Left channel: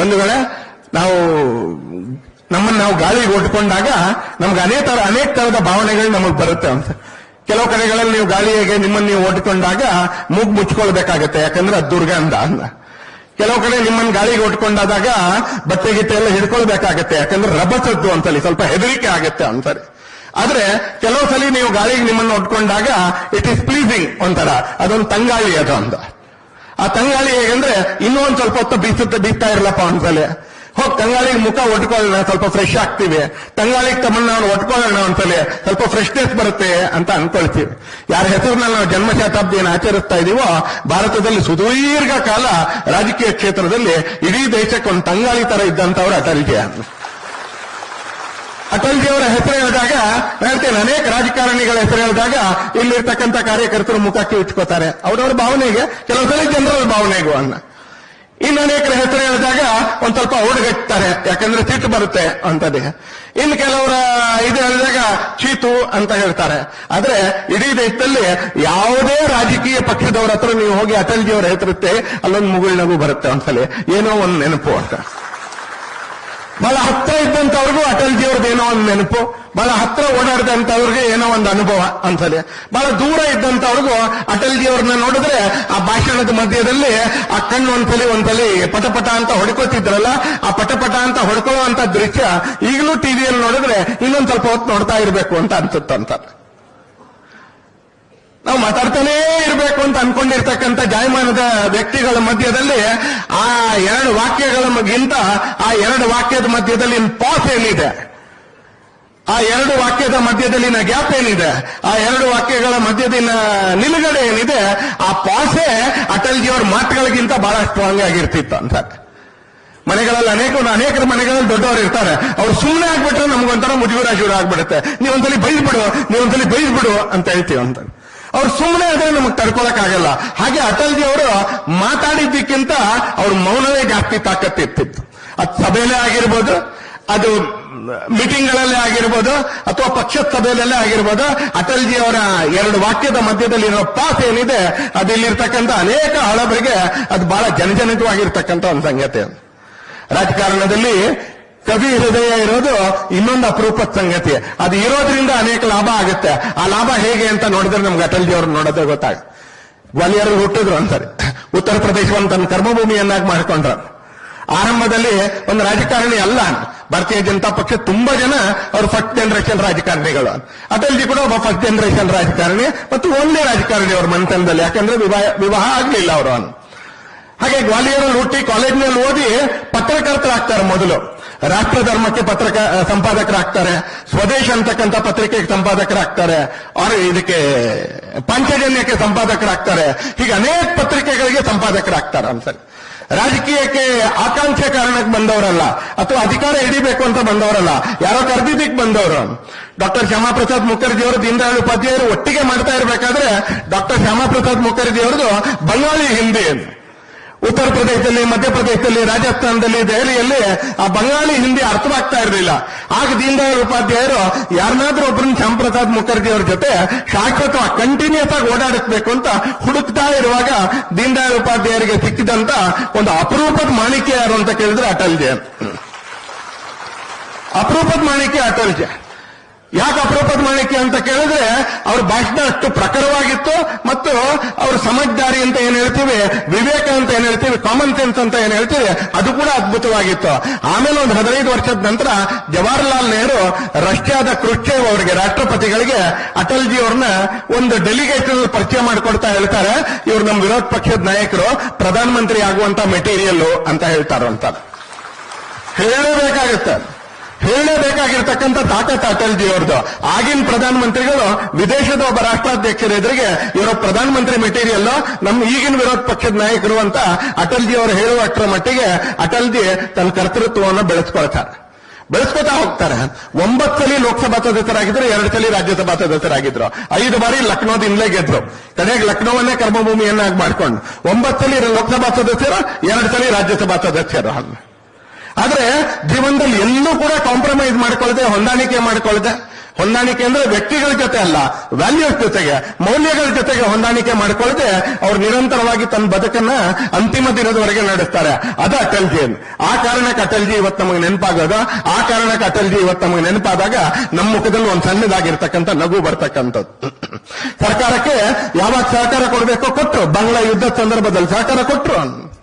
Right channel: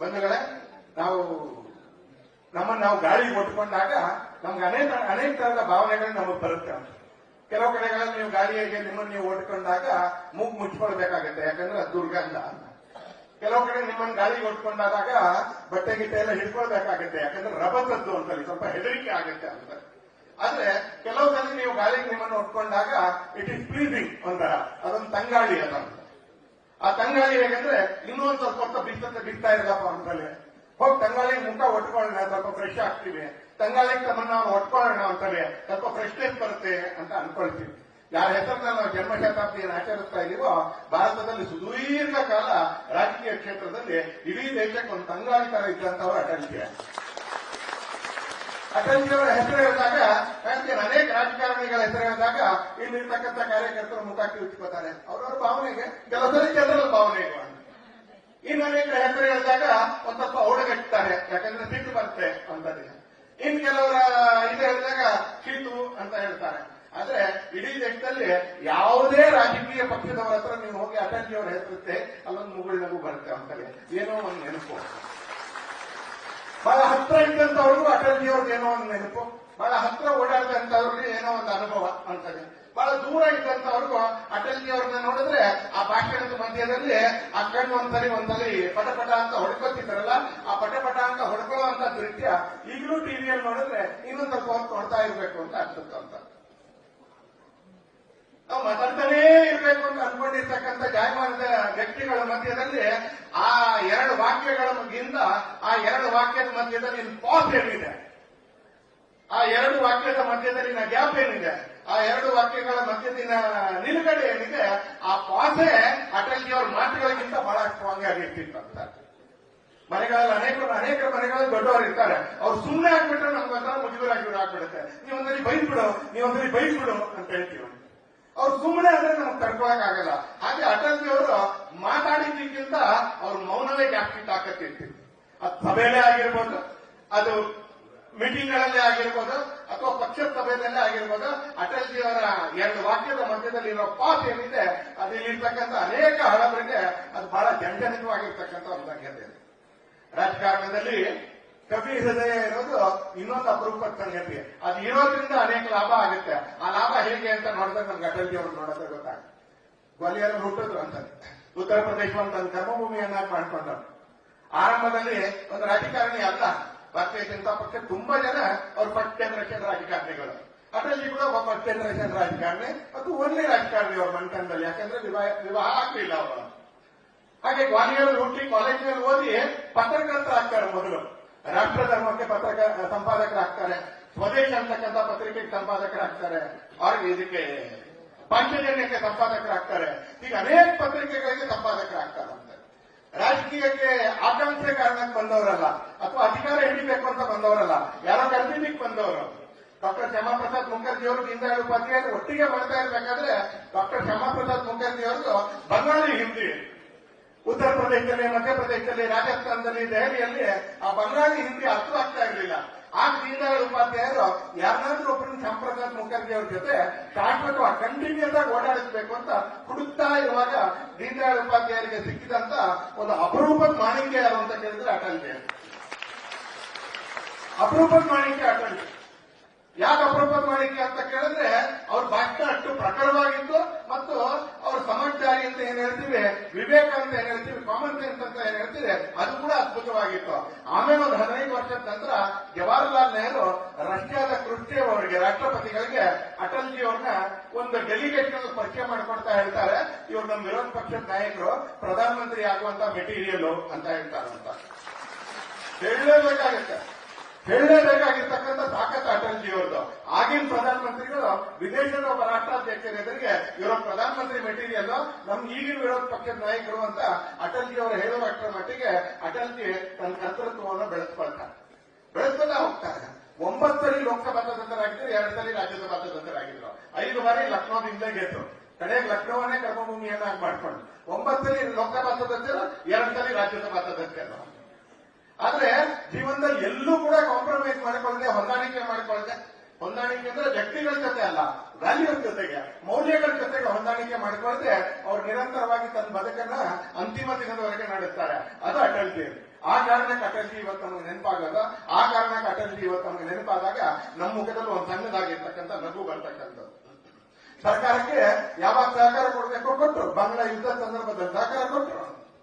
ಬಂಧುಗಳೇ, ನಾವು ನಮ್ಮನ್ನು ನಾವು ಗಾಳಿಗೆ ಒಟ್ಕೊಂಡಾಗ ನಮ್ಗೆ ಅನೇಕ ತರ, ಅನೇಕ ತರದ ಭಾವನೆಗಳು ನಮಗೆ ಬರುತ್ತೆ ಅಂತ. ಕೆಲವು ಕಡೆಗಳಲ್ಲಿ ನೀವು ಗಾಳಿಗೆ ನಿಮ್ಮನ್ನು ನೀವು ಒಟ್ಕೊಂಡಾಗ ಮೂಗ್ ಮುಚ್ಕೊಳ್ಬೇಕಾಗತ್ತೆ, ಯಾಕಂದ್ರೆ ಅದು ದುರ್ಗಂಧ ಅಂದ ಕೆಲವು ಕಡೆ ನಿಮ್ಮನ್ನು ಗಾಳಿಗೆ ಒಟ್ಕೊಂಡಾದಾಗ ಬಟ್ಟೆ ಗಿಟ್ಟೆ ಎಲ್ಲ ಹಿಡ್ಕೊಳ್ಬೇಕಾಗತ್ತೆ, ಯಾಕಂದ್ರೆ ರಭಸದ್ದು ಅಂತಲ್ಲಿ, ಸ್ವಲ್ಪ ಹೆದರಿಕೆ ಆಗತ್ತೆ ಅಂತಾರೆ ಆದ್ರೆ ಕೆಲವು ಸಲ ನೀವು ಗಾಳಿಗೆ ನಿಮ್ಮನ್ನು ಒಟ್ಕೊಂಡಾಗ ಇಟ್ ಈಸ್ ಪ್ಲೀಸಿಂಗ್ ಒಂಥರ, ಅದೊಂದು ತಂಗಾಳಿ ಅದು ಅಂತ. ಆ ತಂಗಾಳಿ ಹೇಗೆಂದ್ರೆ, ಇನ್ನೂ ಒಂದ್ ಸ್ವಲ್ಪ ಹೊತ್ತು ಬೀಸುತ್ತೆ, ಬೀಸ್ತಾ ಇರಲಪ್ಪ ಅಂತಲೇ ಹೋಗ್ ತಂಗಾಳಿಗೆ ಮುಖ ಒಟ್ಕೊಳ್ಳೋಣ ಸ್ವಲ್ಪ ಫ್ರೆಶ್ ಆಗ್ತೀವಿ. ತಂಗಾಳಿಗೆ ತಮ್ಮನ್ನ ನಾವು ಒಟ್ಕೊಳ್ಳೋಣ ಅಂತಲೇ ಸ್ವಲ್ಪ ಫ್ರೆಶ್ನೆಸ್ ಬರುತ್ತೆ ಅಂತ ಅನ್ಕೊಳ್ತೀವಿ. ಯಾರ ಹೆಸರಿನಲ್ಲಿ ನಾವು ಜನ್ಮ ಶತಾಬ್ದಿಯನ್ನು ಆಚರಿಸ್ತಾ ಇದೀವೋ, ಭಾರತದಲ್ಲಿ ಸುದೀರ್ಘ ಕಾಲ ರಾಜಕೀಯ ಕ್ಷೇತ್ರದಲ್ಲಿ ಇಡೀ ದೇಶಕ್ಕೆ ಒಂದು ತಂಗಾಳಿ ತರ ಇದ್ದಂತವ್ರು ಅಟಲ್ಜಿ ಅಟಲ್ಜಿಯವರ ಹೆಸರು ಹೇಳಿದಾಗ ಹೇಳ್ತೇನೆ, ಅನೇಕ ರಾಜಕಾರಣಿಗಳ ಹೆಸರು ಹೇಳಿದಾಗ ಇಲ್ಲಿರ್ತಕ್ಕಂಥ ಕಾರ್ಯಕರ್ತರು ಮುಖಕ್ಕೆ ಇಟ್ಕೋತಾರೆ. ಅವರವರ ಭಾವನೆಗೆ, ಕೆಲವು ಸಲ ಜನರಲ್ ಭಾವನೆಗೂ ಅನ್ನ. ಇನ್ನು ಅನೇಕರ ಹೆಸರು ಹೇಳಿದಾಗ ಒಂದ್ ಸ್ವಲ್ಪ ಹುಡುಗಟ್ತಾರೆ ಯಾಕಂದ್ರೆ ಸಿಟ್ಟು ಬರುತ್ತೆ ಅಂತದೇ. ಇನ್ನು ಕೆಲವರ ಇದು ಹೇಳಿದಾಗ ಚೀತು ಅಂತ ಹೇಳ್ತಾರೆ. ಆದ್ರೆ ಇಡೀ ದೇಶದಲ್ಲಿ ಯಾವುದೇ ರಾಜಕೀಯ ಪಕ್ಷದವರ ಹತ್ರ ನೀವು ಹೋಗಿ ಅಟಲ್ ಅಟಲ್ಜಿಯವರ ಹೆಸರುತ್ತೆ ಅಲ್ಲೊಂದು ಮುಗುಳ್ನಗು ಬರುತ್ತೆ ಒಂದ್ಸಲಿ. ಏನೋ ಒಂದು ನೆನಪು ಅಂತ. ಬಹಳ ಹತ್ರ ಇದ್ದಂತವ್ರಿಗೂ ಅಟಲ್ ಏನೋ ಒಂದು ನೆನಪು. ಬಹಳ ಹತ್ರ ಓಡಾಡಿದಂತವ್ರಿಗೆ ಏನೋ ಒಂದು ಅನುಭವ ಅನ್ಸದೆ ಬಹಳ ದೂರ ಇದ್ದಂತವ್ರಿಗೂ ಅಟಲ್ ಜಿಯವ್ರನ್ನ ನೋಡಿದ್ರೆ ಆ ಭಾಷಣದ ಮಧ್ಯದಲ್ಲಿ ಆ ಕಣ್ಣು ಒಂದ್ಸಲಿ ಒಂದ್ಸಲಿ ಪಟಪಟ ಅಂತ ಹೊಡ್ಕೋತಿದ್ರಲ್ಲ, ಆ ಪಟಪಟ ಅಂತ ಹೊಡ್ಕೊಳ್ಳುವಂತ ದೃಶ್ಯ ಈಗಲೂ ಟಿವಿಯಲ್ಲಿ ನೋಡಿದ್ರೆ ಇನ್ನೊಂದ್ ಸ್ವಲ್ಪ ಹೊತ್ತು ನೋಡ್ತಾ ಇರ್ಬೇಕು ಅಂತ ಅನ್ಸುತ್ತಂತ. ನಾವು ಮಾತಾಡ್ತಾನೇ ಇರಬೇಕು ಅಂತ ಅನ್ಕೊಂಡಿರ್ತಕ್ಕಂಥ ಜಾಯಮಾನದ ವ್ಯಕ್ತಿಗಳ ಮಧ್ಯದಲ್ಲಿ ಆ ಎರಡು ವಾಕ್ಯಗಳಿಗಿಂತ ಆ ಎರಡು ವಾಕ್ಯದ ಮಧ್ಯದಲ್ಲಿ ಪಾಸ್ ಏನಿದೆ? ಆ ಎರಡು ವಾಕ್ಯದ ಮಧ್ಯದಲ್ಲಿನ ಗ್ಯಾಪ್ ಏನಿದೆ? ಆ ಎರಡು ವಾಕ್ಯಗಳ ಮಧ್ಯದಲ್ಲಿನ ನಿಲುಗಡೆ ಏನಿದೆ? ಆ ಪಾಸೇ ಅಟಲ್ಜಿಯವರ ಮಾತುಗಳಿಗಿಂತ ಬಹಳ ಸ್ಟ್ರಾಂಗ್ ಆಗಿರ್ತಿತ್ತು ಅಂತ. ಮನೆಗಳಲ್ಲಿ ಅನೇಕ, ಅನೇಕರ ಮನೆಗಳಲ್ಲಿ ದೊಡ್ಡವರು ಇರ್ತಾರೆ. ಅವ್ರು ಸುಮ್ಮನೆ ಆಗ್ಬಿಟ್ರೆ ನಮ್ಗೊಂಥರ ಮುಜುಗುರ ಶುರು ಆಗ್ಬಿಡುತ್ತೆ ನೀವೊಂದ್ಸಲಿ ಬೈದ್ಬಿಡು ನೀವೊಂದ್ಸಲಿ ಬೈದ್ಬಿಡು ಅಂತ ಹೇಳ್ತೀವಿ ಅಂತ. ಅವ್ರು ಸುಮ್ಮನೆ ಅದೇ ನಮಗೆ ತಡ್ಕೊಳಕ್ಕಾಗಲ್ಲ ಹಾಗೆ ಅಟಲ್ಜಿ ಅವರು ಮಾತಾಡಿದ್ದಕ್ಕಿಂತ ಅವ್ರ ಮೌನವೇ ಜಾಸ್ತಿ ತಾಕತ್ತಿರ್ತಿತ್ತು. ಅದು ಸಭೆಯಲ್ಲೇ ಆಗಿರ್ಬೋದು, ಅದು ಮೀಟಿಂಗ್ ಮೀಟಿಂಗ್ಗಳಲ್ಲೇ ಆಗಿರ್ಬೋದು, ಅಥವಾ ಪಕ್ಷದ ಸಭೆಯಲ್ಲೇ ಆಗಿರ್ಬೋದು, ಅಟಲ್ಜಿ ಅವರ ಎರಡು ವಾಕ್ಯದ ಮಧ್ಯದಲ್ಲಿರೋ ಪಾಸ್ ಏನಿದೆ ಅದು ಇಲ್ಲಿರ್ತಕ್ಕಂಥ ಅನೇಕ ಹಳಬರಿಗೆ ಅದು ಬಹಳ ಜನಜನಿತವಾಗಿರ್ತಕ್ಕಂಥ ಒಂದು ಸಂಗತಿ ರಾಜಕಾರಣದಲ್ಲಿ ಕವಿ ಹೃದಯ ಇರೋದು ಇನ್ನೊಂದು ಅಪರೂಪದ ಸಂಗತಿ. ಅದು ಇರೋದ್ರಿಂದ ಅನೇಕ ಲಾಭ ಆಗುತ್ತೆ. ಆ ಲಾಭ ಹೇಗೆ ಅಂತ ನೋಡಿದ್ರೆ ನಮ್ಗೆ ಅಟಲ್ಜಿ ಅವ್ರನ್ನ ನೋಡೋದೇ ಗೊತ್ತಾಗ ಗ್ವಾಲಿಯರ್ ಹುಟ್ಟಿದ್ರು ಅಂತಾರೆ. ಉತ್ತರ ಪ್ರದೇಶವನ್ನು ತನ್ನ ಕರ್ಮಭೂಮಿಯನ್ನಾಗಿ ಮಾಡ್ಕೊಂಡ್ರು. ಆರಂಭದಲ್ಲಿ ಒಂದು ರಾಜಕಾರಣಿ ಅಲ್ಲ. ಭಾರತೀಯ ಜನತಾ ಪಕ್ಷ ತುಂಬಾ ಜನ ಅವರು ಫಸ್ಟ್ ಜನರೇಷನ್ ರಾಜಕಾರಣಿಗಳು. ಅಟಲ್ಜಿ ಕೂಡ ಒಬ್ಬ ಫಸ್ಟ್ ಜನರೇಷನ್ ರಾಜಕಾರಣಿ ಮತ್ತು ಒಂದೇ ರಾಜಕಾರಣಿ ಅವ್ರ ಮನೆತನದಲ್ಲಿ. ಯಾಕಂದ್ರೆ ವಿವಾಹ ವಿವಾಹ ಆಗ್ಲಿಲ್ಲ ಅವರು. ಹಾಗೆ ಗ್ವಾಲಿಯರ್ ಹುಟ್ಟಿ ಕಾಲೇಜ್ನಲ್ಲಿ ಓದಿ ಪತ್ರಕರ್ತರಾಗ್ತಾರೆ ಮೊದಲು. ರಾಷ್ಟ್ರ ಧರ್ಮಕ್ಕೆ ಪತ್ರಕ ಸಂಪಾದಕರಾಗ್ತಾರೆ. ಸ್ವದೇಶ ಅಂತಕ್ಕಂಥ ಪತ್ರಿಕೆಗೆ ಸಂಪಾದಕರಾಗ್ತಾರೆ. ಅವರು ಇದಕ್ಕೆ ಪಂಚಜನ್ಯಕ್ಕೆ ಸಂಪಾದಕರಾಗ್ತಾರೆ. ಹೀಗೆ ಅನೇಕ ಪತ್ರಿಕೆಗಳಿಗೆ ಸಂಪಾದಕರಾಗ್ತಾರೆ ಅನ್ಸರಿ ರಾಜಕೀಯಕ್ಕೆ ಆಕಾಂಕ್ಷೆ ಕಾರಣಕ್ಕೆ ಬಂದವರಲ್ಲ, ಅಥವಾ ಅಧಿಕಾರ ಹಿಡಿಬೇಕು ಅಂತ ಬಂದವರಲ್ಲ, ಯಾರೋ ಕರೆದಿದ್ದಕ್ಕೆ ಬಂದವರು. ಡಾಕ್ಟರ್ ಶ್ಯಾಮಪ್ರಸಾದ್ ಮುಖರ್ಜಿ ಅವರು ಉಪಾಧ್ಯಾಯರು ಒಟ್ಟಿಗೆ ಮಾಡ್ತಾ ಇರಬೇಕಾದ್ರೆ, ಡಾಕ್ಟರ್ ಶ್ಯಾಮಪ್ರಸಾದ್ ಮುಖರ್ಜಿ ಅವರದು ಬಂಗಾಳಿ ಹಿಂದಿ ಉತ್ತರ ಪ್ರದೇಶದಲ್ಲಿ ಮಧ್ಯಪ್ರದೇಶದಲ್ಲಿ ರಾಜಸ್ಥಾನದಲ್ಲಿ, ದೆಹಲಿಯಲ್ಲಿ ಆ ಬಂಗಾಳಿ ಹಿಂದಿ ಅರ್ಥವಾಗ್ತಾ ಇರಲಿಲ್ಲ. ಆಗ ದೀನ್ ದಯಾಳ್ ಉಪಾಧ್ಯಾಯರು ಯಾರನ್ನಾದ್ರೂ ಒಬ್ಬರನ್ನ ಶ್ಯಾಮಪ್ರಸಾದ್ ಮುಖರ್ಜಿ ಅವ್ರ ಜೊತೆ ಶಾಶ್ವತ ಕಂಟಿನ್ಯೂಸ್ ಆಗಿ ಓಡಾಡಿಸ್ಬೇಕು ಅಂತ ಹುಡುಕ್ತಾ ಇರುವಾಗ ದೀನ್ ದಯಾಳ್ ಉಪಾಧ್ಯಾಯರಿಗೆ ಸಿಕ್ಕಿದಂತ ಒಂದು ಅಪರೂಪದ ಮಾಣಿಕ್ಯ ಯಾರು ಅಂತ ಕೇಳಿದ್ರೆ ಅಟಲ್ಜಿ ಅಪರೂಪದ ಮಾಣಿಕ್ಯ ಅಟಲ್ಜಿ ಯಾಕೆ ಅಪರೂಪದ ಮಾಡಲಿಕ್ಕೆ ಅಂತ ಕೇಳಿದ್ರೆ, ಅವ್ರ ಭಾಷಣ ಅಷ್ಟು ಪ್ರಖರವಾಗಿತ್ತು, ಮತ್ತು ಅವ್ರ ಸಮಜ್ದಾರಿ ಅಂತ ಏನ್ ಹೇಳ್ತೀವಿ, ವಿವೇಕ ಅಂತ ಏನ್ ಹೇಳ್ತೀವಿ ಕಾಮನ್ ಸೆನ್ಸ್ ಅಂತ ಏನ್ ಹೇಳ್ತೀವಿ, ಅದು ಕೂಡ ಅದ್ಭುತವಾಗಿತ್ತು. ಆಮೇಲೆ ಒಂದು ಹದಿನೈದು ವರ್ಷದ ನಂತರ ಜವಾಹರ್ಲಾಲ್ ನೆಹರು ರಷ್ಯಾದ ಕೃಷ್ಣೇವ್ ಅವರಿಗೆ, ರಾಷ್ಟ್ರಪತಿಗಳಿಗೆ ಅಟಲ್ಜಿ ಅವ್ರನ್ನ ಒಂದು ಡೆಲಿಗೇಷನ್ ಪರಿಚಯ ಮಾಡಿಕೊಡ್ತಾ ಹೇಳ್ತಾರೆ. ಇವ್ರು ನಮ್ಮ ವಿರೋಧ ಪಕ್ಷದ ನಾಯಕರು, ಪ್ರಧಾನಮಂತ್ರಿ ಆಗುವಂತ ಮೆಟೀರಿಯಲ್ ಅಂತ ಹೇಳ್ತಾರಂತ. ಹೇಳಬೇಕಾಗುತ್ತೆ. ಹೇಳಬೇಕಾಗಿರ್ತಕ್ಕಂಥ ತಾಕತ್ ಅಟಲ್ಜಿ ಅವ್ರದ್ದು. ಆಗಿನ ಪ್ರಧಾನಮಂತ್ರಿಗಳು, ವಿದೇಶದ ಒಬ್ಬ ರಾಷ್ಟ್ರಾಧ್ಯಕ್ಷರ ಎದುರಿಗೆ ಇರೋ ಪ್ರಧಾನಮಂತ್ರಿ ಮೆಟೀರಿಯಲ್, ನಮ್ಮ ಈಗಿನ ವಿರೋಧ ಪಕ್ಷದ ನಾಯಕರು ಅಂತ ಅಟಲ್ ಜಿ ಅವರು ಹೇಳುವಷ್ಟರ ಮಟ್ಟಿಗೆ ಅಟಲ್ ಜಿ ತನ್ನ ಕರ್ತೃತ್ವವನ್ನು ಬೆಳೆಸ್ಕೊಳ್ತಾರೆ. ಬೆಳೆಸ್ಕೊತಾ ಹೋಗ್ತಾರೆ. ಒಂಬತ್ತು ಸಲ ಲೋಕಸಭಾ ಸದಸ್ಯರಾಗಿದ್ರು ಎರಡು ಸಲ ರಾಜ್ಯಸಭಾ ಸದಸ್ಯರಾಗಿದ್ರು. ಐದು ಬಾರಿ ಲಕ್ನೋದಿಂದಲೇ ಗೆದ್ರು. ಕಡೆಗೆ ಲಕ್ನೋವನ್ನೇ ಕರ್ಮಭೂಮಿಯನ್ನಾಗಿ ಮಾಡ್ಕೊಂಡು. ಒಂಬತ್ತು ಸಲ ಲೋಕಸಭಾ ಸದಸ್ಯರು ಎರಡು ಸಲ ರಾಜ್ಯಸಭಾ ಸದಸ್ಯರು. ಆದ್ರೆ ಜೀವನದಲ್ಲಿ ಎಲ್ಲೂ ಕೂಡ ಕಾಂಪ್ರಮೈಸ್ ಮಾಡ್ಕೊಳ್ಳದೆ, ಹೊಂದಾಣಿಕೆ ಮಾಡ್ಕೊಳ್ಳದೆ, ಹೊಂದಾಣಿಕೆ ಅಂದ್ರೆ ವ್ಯಕ್ತಿಗಳ ಜೊತೆ ಅಲ್ಲ ವ್ಯಾಲ್ಯೂಸ್ ಜೊತೆಗೆ, ಮೌಲ್ಯಗಳ ಜೊತೆಗೆ ಹೊಂದಾಣಿಕೆ ಮಾಡ್ಕೊಳ್ಳದೆ ಅವ್ರು ನಿರಂತರವಾಗಿ ತನ್ನ ಬದುಕನ್ನ ಅಂತಿಮ ದಿನದವರೆಗೆ ನಡೆಸ್ತಾರೆ. ಅದು ಅಟಲ್ಜಿ ಆ ಕಾರಣಕ್ಕೆ ಅಟಲ್ಜಿ ಇವತ್ತು ನಮಗೆ ನೆನಪಾಗೋದು? ಆ ಕಾರಣಕ್ಕೆ ಅಟಲ್ಜಿ ಇವತ್ತು ನಮಗೆ ನೆನಪಾದಾಗ ನಮ್ಮ ಮುಖದಲ್ಲಿ ಒಂದು ಸಣ್ಣದಾಗಿರ್ತಕ್ಕಂಥ ನಗು ಬರ್ತಕ್ಕಂಥದ್ದು. ಸರ್ಕಾರಕ್ಕೆ ಯಾವಾಗ ಸಹಕಾರ ಕೊಡಬೇಕೋ ಕೊಟ್ಟರು ಬಾಂಗ್ಲಾ ಯುದ್ಧದ ಸಂದರ್ಭದಲ್ಲಿ ಸಹಕಾರ ಕೊಟ್ಟರು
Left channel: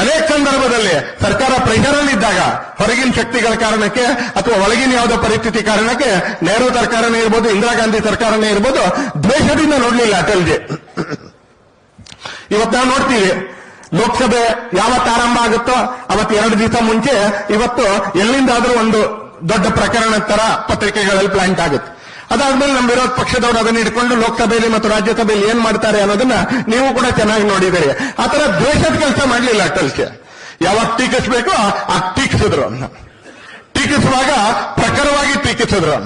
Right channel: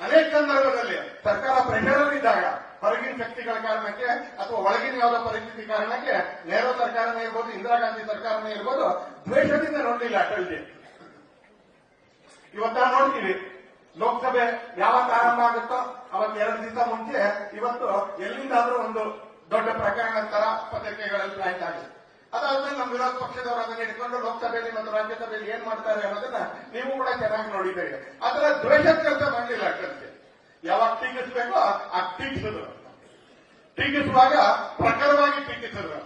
ಅನೇಕ ಸಂದರ್ಭದಲ್ಲಿ ಸರ್ಕಾರ ಪ್ರೆಷರಲ್ಲಿದ್ದಾಗ ಹೊರಗಿನ ಶಕ್ತಿಗಳ ಕಾರಣಕ್ಕೆ ಅಥವಾ ಒಳಗಿನ ಯಾವುದೋ ಪರಿಸ್ಥಿತಿ ಕಾರಣಕ್ಕೆ ನೆಹರು ಸರ್ಕಾರನೇ ಇರ್ಬೋದು, ಇಂದಿರಾ ಗಾಂಧಿ ಸರ್ಕಾರನೇ ಇರ್ಬೋದು, ದ್ವೇಷದಿಂದ ನೋಡ್ಲಿಲ್ಲ ಅಟಲ್ಜಿ ಇವತ್ತು ನಾವು ನೋಡ್ತೀವಿ, ಲೋಕಸಭೆ ಯಾವತ್ತು ಆರಂಭ ಆಗುತ್ತೋ ಅವತ್ತು ಎರಡು ದಿವಸ ಮುಂಚೆ ಇವತ್ತು ಎಲ್ಲಿಂದಾದ್ರೂ ಒಂದು ದೊಡ್ಡ ಪ್ರಕರಣ ತರ ಪತ್ರಿಕೆಗಳಲ್ಲಿ ಪ್ಲಾಂಟ್ ಆಗುತ್ತೆ. ಅದಾದ್ಮೇಲೆ ನಮ್ಮ ವಿರೋಧ ಪಕ್ಷದವರು ಅದನ್ನ ಇಟ್ಕೊಂಡು ಲೋಕಸಭೆಯಲ್ಲಿ ಮತ್ತು ರಾಜ್ಯಸಭೆಯಲ್ಲಿ ಏನ್ ಮಾಡ್ತಾರೆ ಅನ್ನೋದನ್ನ ನೀವು ಕೂಡ ಚೆನ್ನಾಗಿ ನೋಡಿದ್ದೀರಿ ಆ ತರ ದ್ವೇಷದ ಕೆಲಸ ಮಾಡಲಿಲ್ಲ ಅಟಲ್ಗೆ ಯಾವಾಗ ಟೀಕಿಸ್ಬೇಕು, ಆ ಟೀಕಿಸಿದ್ರು. ಟೀಕಿಸುವಾಗ ಪ್ರಖರವಾಗಿ ಟೀಕಿಸಿದ್ರು.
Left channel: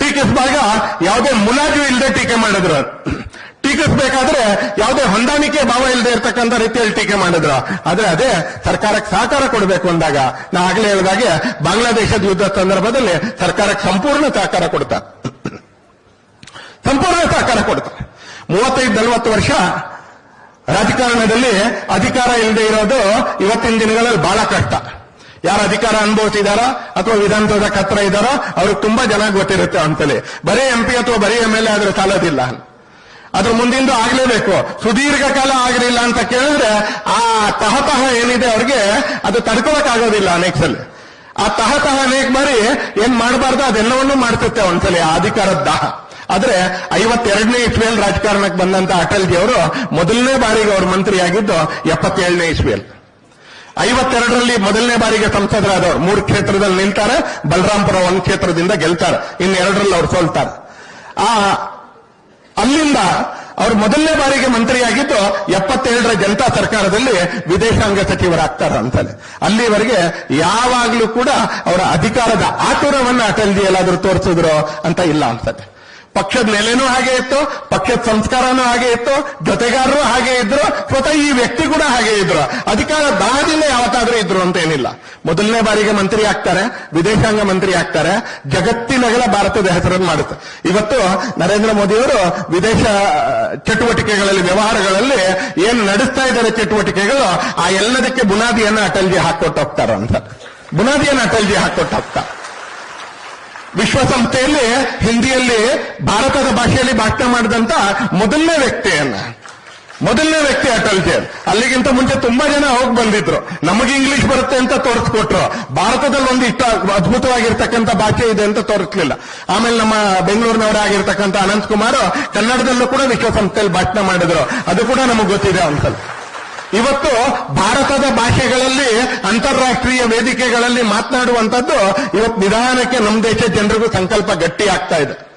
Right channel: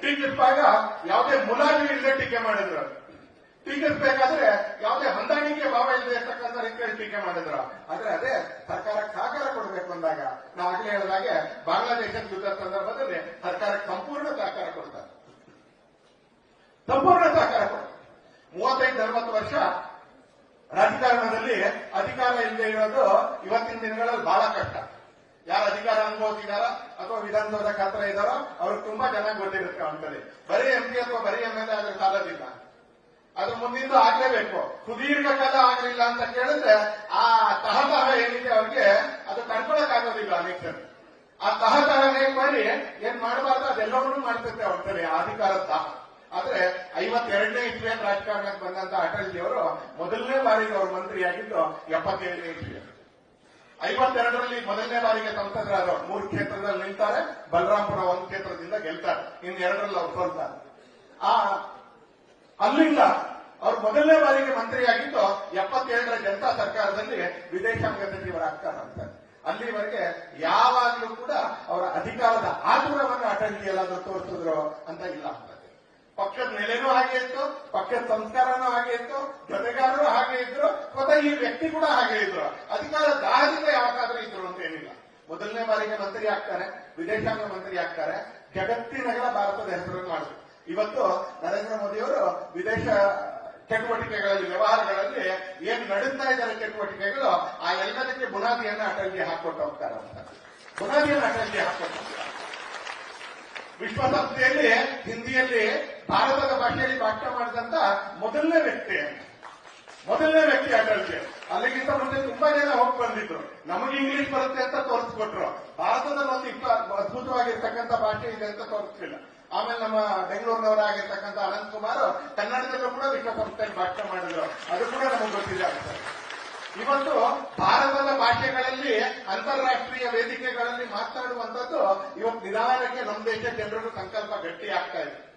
ಟೀಕಿಸುವಾಗ ಯಾವುದೇ ಮುಲಾಜು ಇಲ್ಲದೆ ಟೀಕೆ ಮಾಡಿದ್ರು ಟೀಕಿಸಬೇಕಾದ್ರೆ ಯಾವುದೇ ಹೊಂದಾಣಿಕೆ ಭಾವ ಇಲ್ಲದೆ ಇರತಕ್ಕಂಥ ರೀತಿಯಲ್ಲಿ ಟೀಕೆ ಮಾಡಿದ್ರು. ಆದ್ರೆ ಅದೇ ಸರ್ಕಾರಕ್ಕೆ ಸಹಕಾರ ಕೊಡಬೇಕು ಅಂದಾಗ, ನಾ ಆಗ್ಲೇ ಹೇಳಿದಾಗೆ ಬಾಂಗ್ಲಾದೇಶದ ಯುದ್ಧ ಸಂದರ್ಭದಲ್ಲಿ ಸರ್ಕಾರಕ್ಕೆ ಸಂಪೂರ್ಣ ಸಹಕಾರ ಕೊಡ್ತಾರೆ ಸಂಪೂರ್ಣ ಸಹಕಾರ ಕೊಡ್ತಾರೆ ಮೂವತ್ತೈದು, ನಲವತ್ತು ವರ್ಷ ರಾಜಕಾರಣದಲ್ಲಿ ಅಧಿಕಾರ ಇಲ್ಲದೆ ಇರೋದು ಇವತ್ತಿನ ದಿನಗಳಲ್ಲಿ ಬಹಳ ಕಷ್ಟ. ಯಾರು ಅಧಿಕಾರ ಅನುಭವಿಸಿದಾರೋ ಅಥವಾ ವಿಧಾನಸೌಧ ಹತ್ರ ಇದ್ದಾರೋ, ಅವ್ರಿಗೆ ತುಂಬಾ ಜನ ಗೊತ್ತಿರುತ್ತೆ ಅಂತಲೇ ಬರೀ ಎಂ ಪಿ ಅಥವಾ ಬರೀ ಎಂ ಎಲ್ ಎ ಆದ್ರೆ ಸಾಲೋದಿಲ್ಲ. ಅದ್ರ ಮುಂದಿಂದು ಆಗ್ಲೇಬೇಕು. ಸುದೀರ್ಘ ಕಾಲ ಆಗಲಿಲ್ಲ ಅಂತ ಕೇಳಿದ್ರೆ ಆ ತಹತಹ ಏನಿದೆ ಅವ್ರಿಗೆ ಅದು ತಡ್ಕೊಳಕ್ ಆಗೋದಿಲ್ಲ ಅನೇಕ ಸಲ. ಆ ತಹತಹ ಅನೇಕ ಬಾರಿ ಏನ್ ಮಾಡಬಾರ್ದು, ಅದೆಲ್ಲವನ್ನೂ ಮಾಡ್ತಿರುತ್ತೆ ಒಂದ್ಸಲಿ ಆ ಅಧಿಕಾರದ ದಾಹ. ಆದ್ರೆ ಐವತ್ತೆರಡನೇ ಇಸ್ವಿಯಲ್ಲಿ ರಾಜಕಾರಣಕ್ಕೆ ಬಂದಂತ ಅಟಲ್ಜಿ ಅವರು ಮೊದಲನೇ ಬಾರಿಗೆ ಅವರು ಮಂತ್ರಿಯಾಗಿದ್ದು ಎಪ್ಪತ್ತೇಳನೇ ಇಸ್ವಿಯಲ್ಲಿ ಐವತ್ತೆರಡರಲ್ಲಿ ಮೊದಲನೇ ಬಾರಿಗೆ ಸಂಸದರಾದವರು. ಮೂರು ಕ್ಷೇತ್ರದಲ್ಲಿ ನಿಲ್ತಾರೆ ಬಲರಾಂಪುರ ಒಂದು ಕ್ಷೇತ್ರದಿಂದ ಗೆಲ್ತಾರೆ. ಇನ್ನೆರಡರಲ್ಲಿ ಅವ್ರು ಸೋಲ್ತಾರೆ. ಆ ಅಲ್ಲಿಂದ ಅವರು ಮೊದಲನೇ ಬಾರಿಗೆ ಮಂತ್ರಿಯಾಗಿದ್ದು ಎಪ್ಪತ್ತೇಳರ ಜನತಾ ಸರ್ಕಾರದಲ್ಲಿ ವಿದೇಶಾಂಗ ಸಚಿವರಾಗ್ತಾರ ಅಂತಾನೆ ಅಲ್ಲಿವರೆಗೆ ಯಾವಾಗ್ಲೂ ಕೂಡ ಅವರ ಅಧಿಕಾರದ ಆತುರವನ್ನ ಅಟಲ್ಜಿ ಎಲ್ಲಾದ್ರೂ ತೋರಿಸಿದ್ರು ಅಂತ ಇಲ್ಲ ಅನ್ಸತ್ತೆ. ಪಕ್ಷದ ನೆಲೆನೂ ಹಾಗೆ ಇತ್ತು, ಪಕ್ಷದ ಸಂಸ್ಕಾರನೂ ಹಾಗೆ ಇತ್ತು, ಜೊತೆಗಾರರು ಹಾಗೆ ಇದ್ರು, ಸ್ವತಃ ಈ ವ್ಯಕ್ತಿ ಕೂಡ ಹಾಗೆ ಇದ್ರು. ಅಧಿಕಾರ ದಾಹದಿಂದ ಯಾವತ್ತಾದ್ರೂ ಇದ್ರು ಅಂತ ಏನಿಲ್ಲ. ಮೊದಲನೇ ಬಾರಿಗೆ ಮಂತ್ರಿ ಆಗ್ತಾರೆ, ವಿದೇಶಾಂಗ ಮಂತ್ರಿ ಆಗ್ತಾರೆ ಜಗತ್ತಿನಗಳ ಭಾರತದ ಹೆಸರನ್ನು ಮಾಡುತ್ತೆ. ಇವತ್ತು ನರೇಂದ್ರ ಮೋದಿಯವರು ವಿದೇಶ ಚಟುವಟಿಕೆಗಳಲ್ಲಿ, ವ್ಯವಹಾರಗಳಲ್ಲಿ ಏನು ನಡೆಸ್ತಾ ಇದ್ದಾರೆ ಚಟುವಟಿಕೆಗಳು, ಆ ಎಲ್ಲದಕ್ಕೆ ಬುನಾದಿಯನ್ನು ಅಟಲ್ಜಿ ಹಾಕೊಟ್ಟು ಹೋಗ್ತಾರಂತ. ಬುನಾದಿಯನ್ನು ಅಟಲ್ಜಿ ಹಾಕೊಟ್ಟು ಹೋಗ್ತಾರೆ ವಿಶ್ವಸಂಸ್ಥೆಯಲ್ಲಿ, ಹಿಂದಿಯಲ್ಲಿ, ಭಾರತದ ಭಾಷೆಯಲ್ಲಿ ಭಾಷಣ ಮಾಡಿದಂತ ಮೊದಲನೇ ವ್ಯಕ್ತಿಯನ್ನ. ಮೊದಲನೇ ವ್ಯಕ್ತಿ ಅಟಲ್ಜಿ ಅಲ್ಲಿಗಿಂತ ಮುಂಚೆ ತುಂಬಾ ಜನ ಹೋಗಿ ಬಂದಿದ್ರು. ನಮಗೆ ಇಂಗ್ಲಿಷ್ ಬರುತ್ತೆ ಅಂತ ತೋರಿಸ್ಕೊಟ್ರು. ಭಾರತದಲ್ಲಿ ಒಂದು ಇಷ್ಟ ಅದ್ಭುತವಾಗಿರ್ತಕ್ಕಂಥ ಭಾಷೆ ಇದೆ ಅಂತ ತೋರಿಸ್ಲಿಲ್ಲ. ಆಮೇಲೆ ನಮ್ಮ ಬೆಂಗಳೂರಿನವರಾಗಿರ್ತಕ್ಕಂಥ ಅನಂತ್ ಕುಮಾರ್ ಕನ್ನಡದಲ್ಲೂ ಕೂಡ ವಿಶ್ವಸಂಸ್ಥೆಯಲ್ಲಿ ಭಾಷಣ ಮಾಡಿದ್ರು. ಅದು ಕೂಡ ನಮಗೆ ಗೊತ್ತಿದೆ ಅನ್ಸಲ್ ಇವತ್ತು ಭಾರತದ ಭಾಷೆಗಳಲ್ಲಿ, ಅಂತಾರಾಷ್ಟ್ರೀಯ ವೇದಿಕೆಗಳಲ್ಲಿ ಮಾತನಾಡುವಂಥದ್ದು ಇವತ್ತು ನಿಧಾನಕ್ಕೆ ನಮ್ಮ ದೇಶ ಜನರಿಗೂ ಸಂಕಲ್ಪ ಗಟ್ಟಿ ಆಗ್ತಾ ಇದೆ.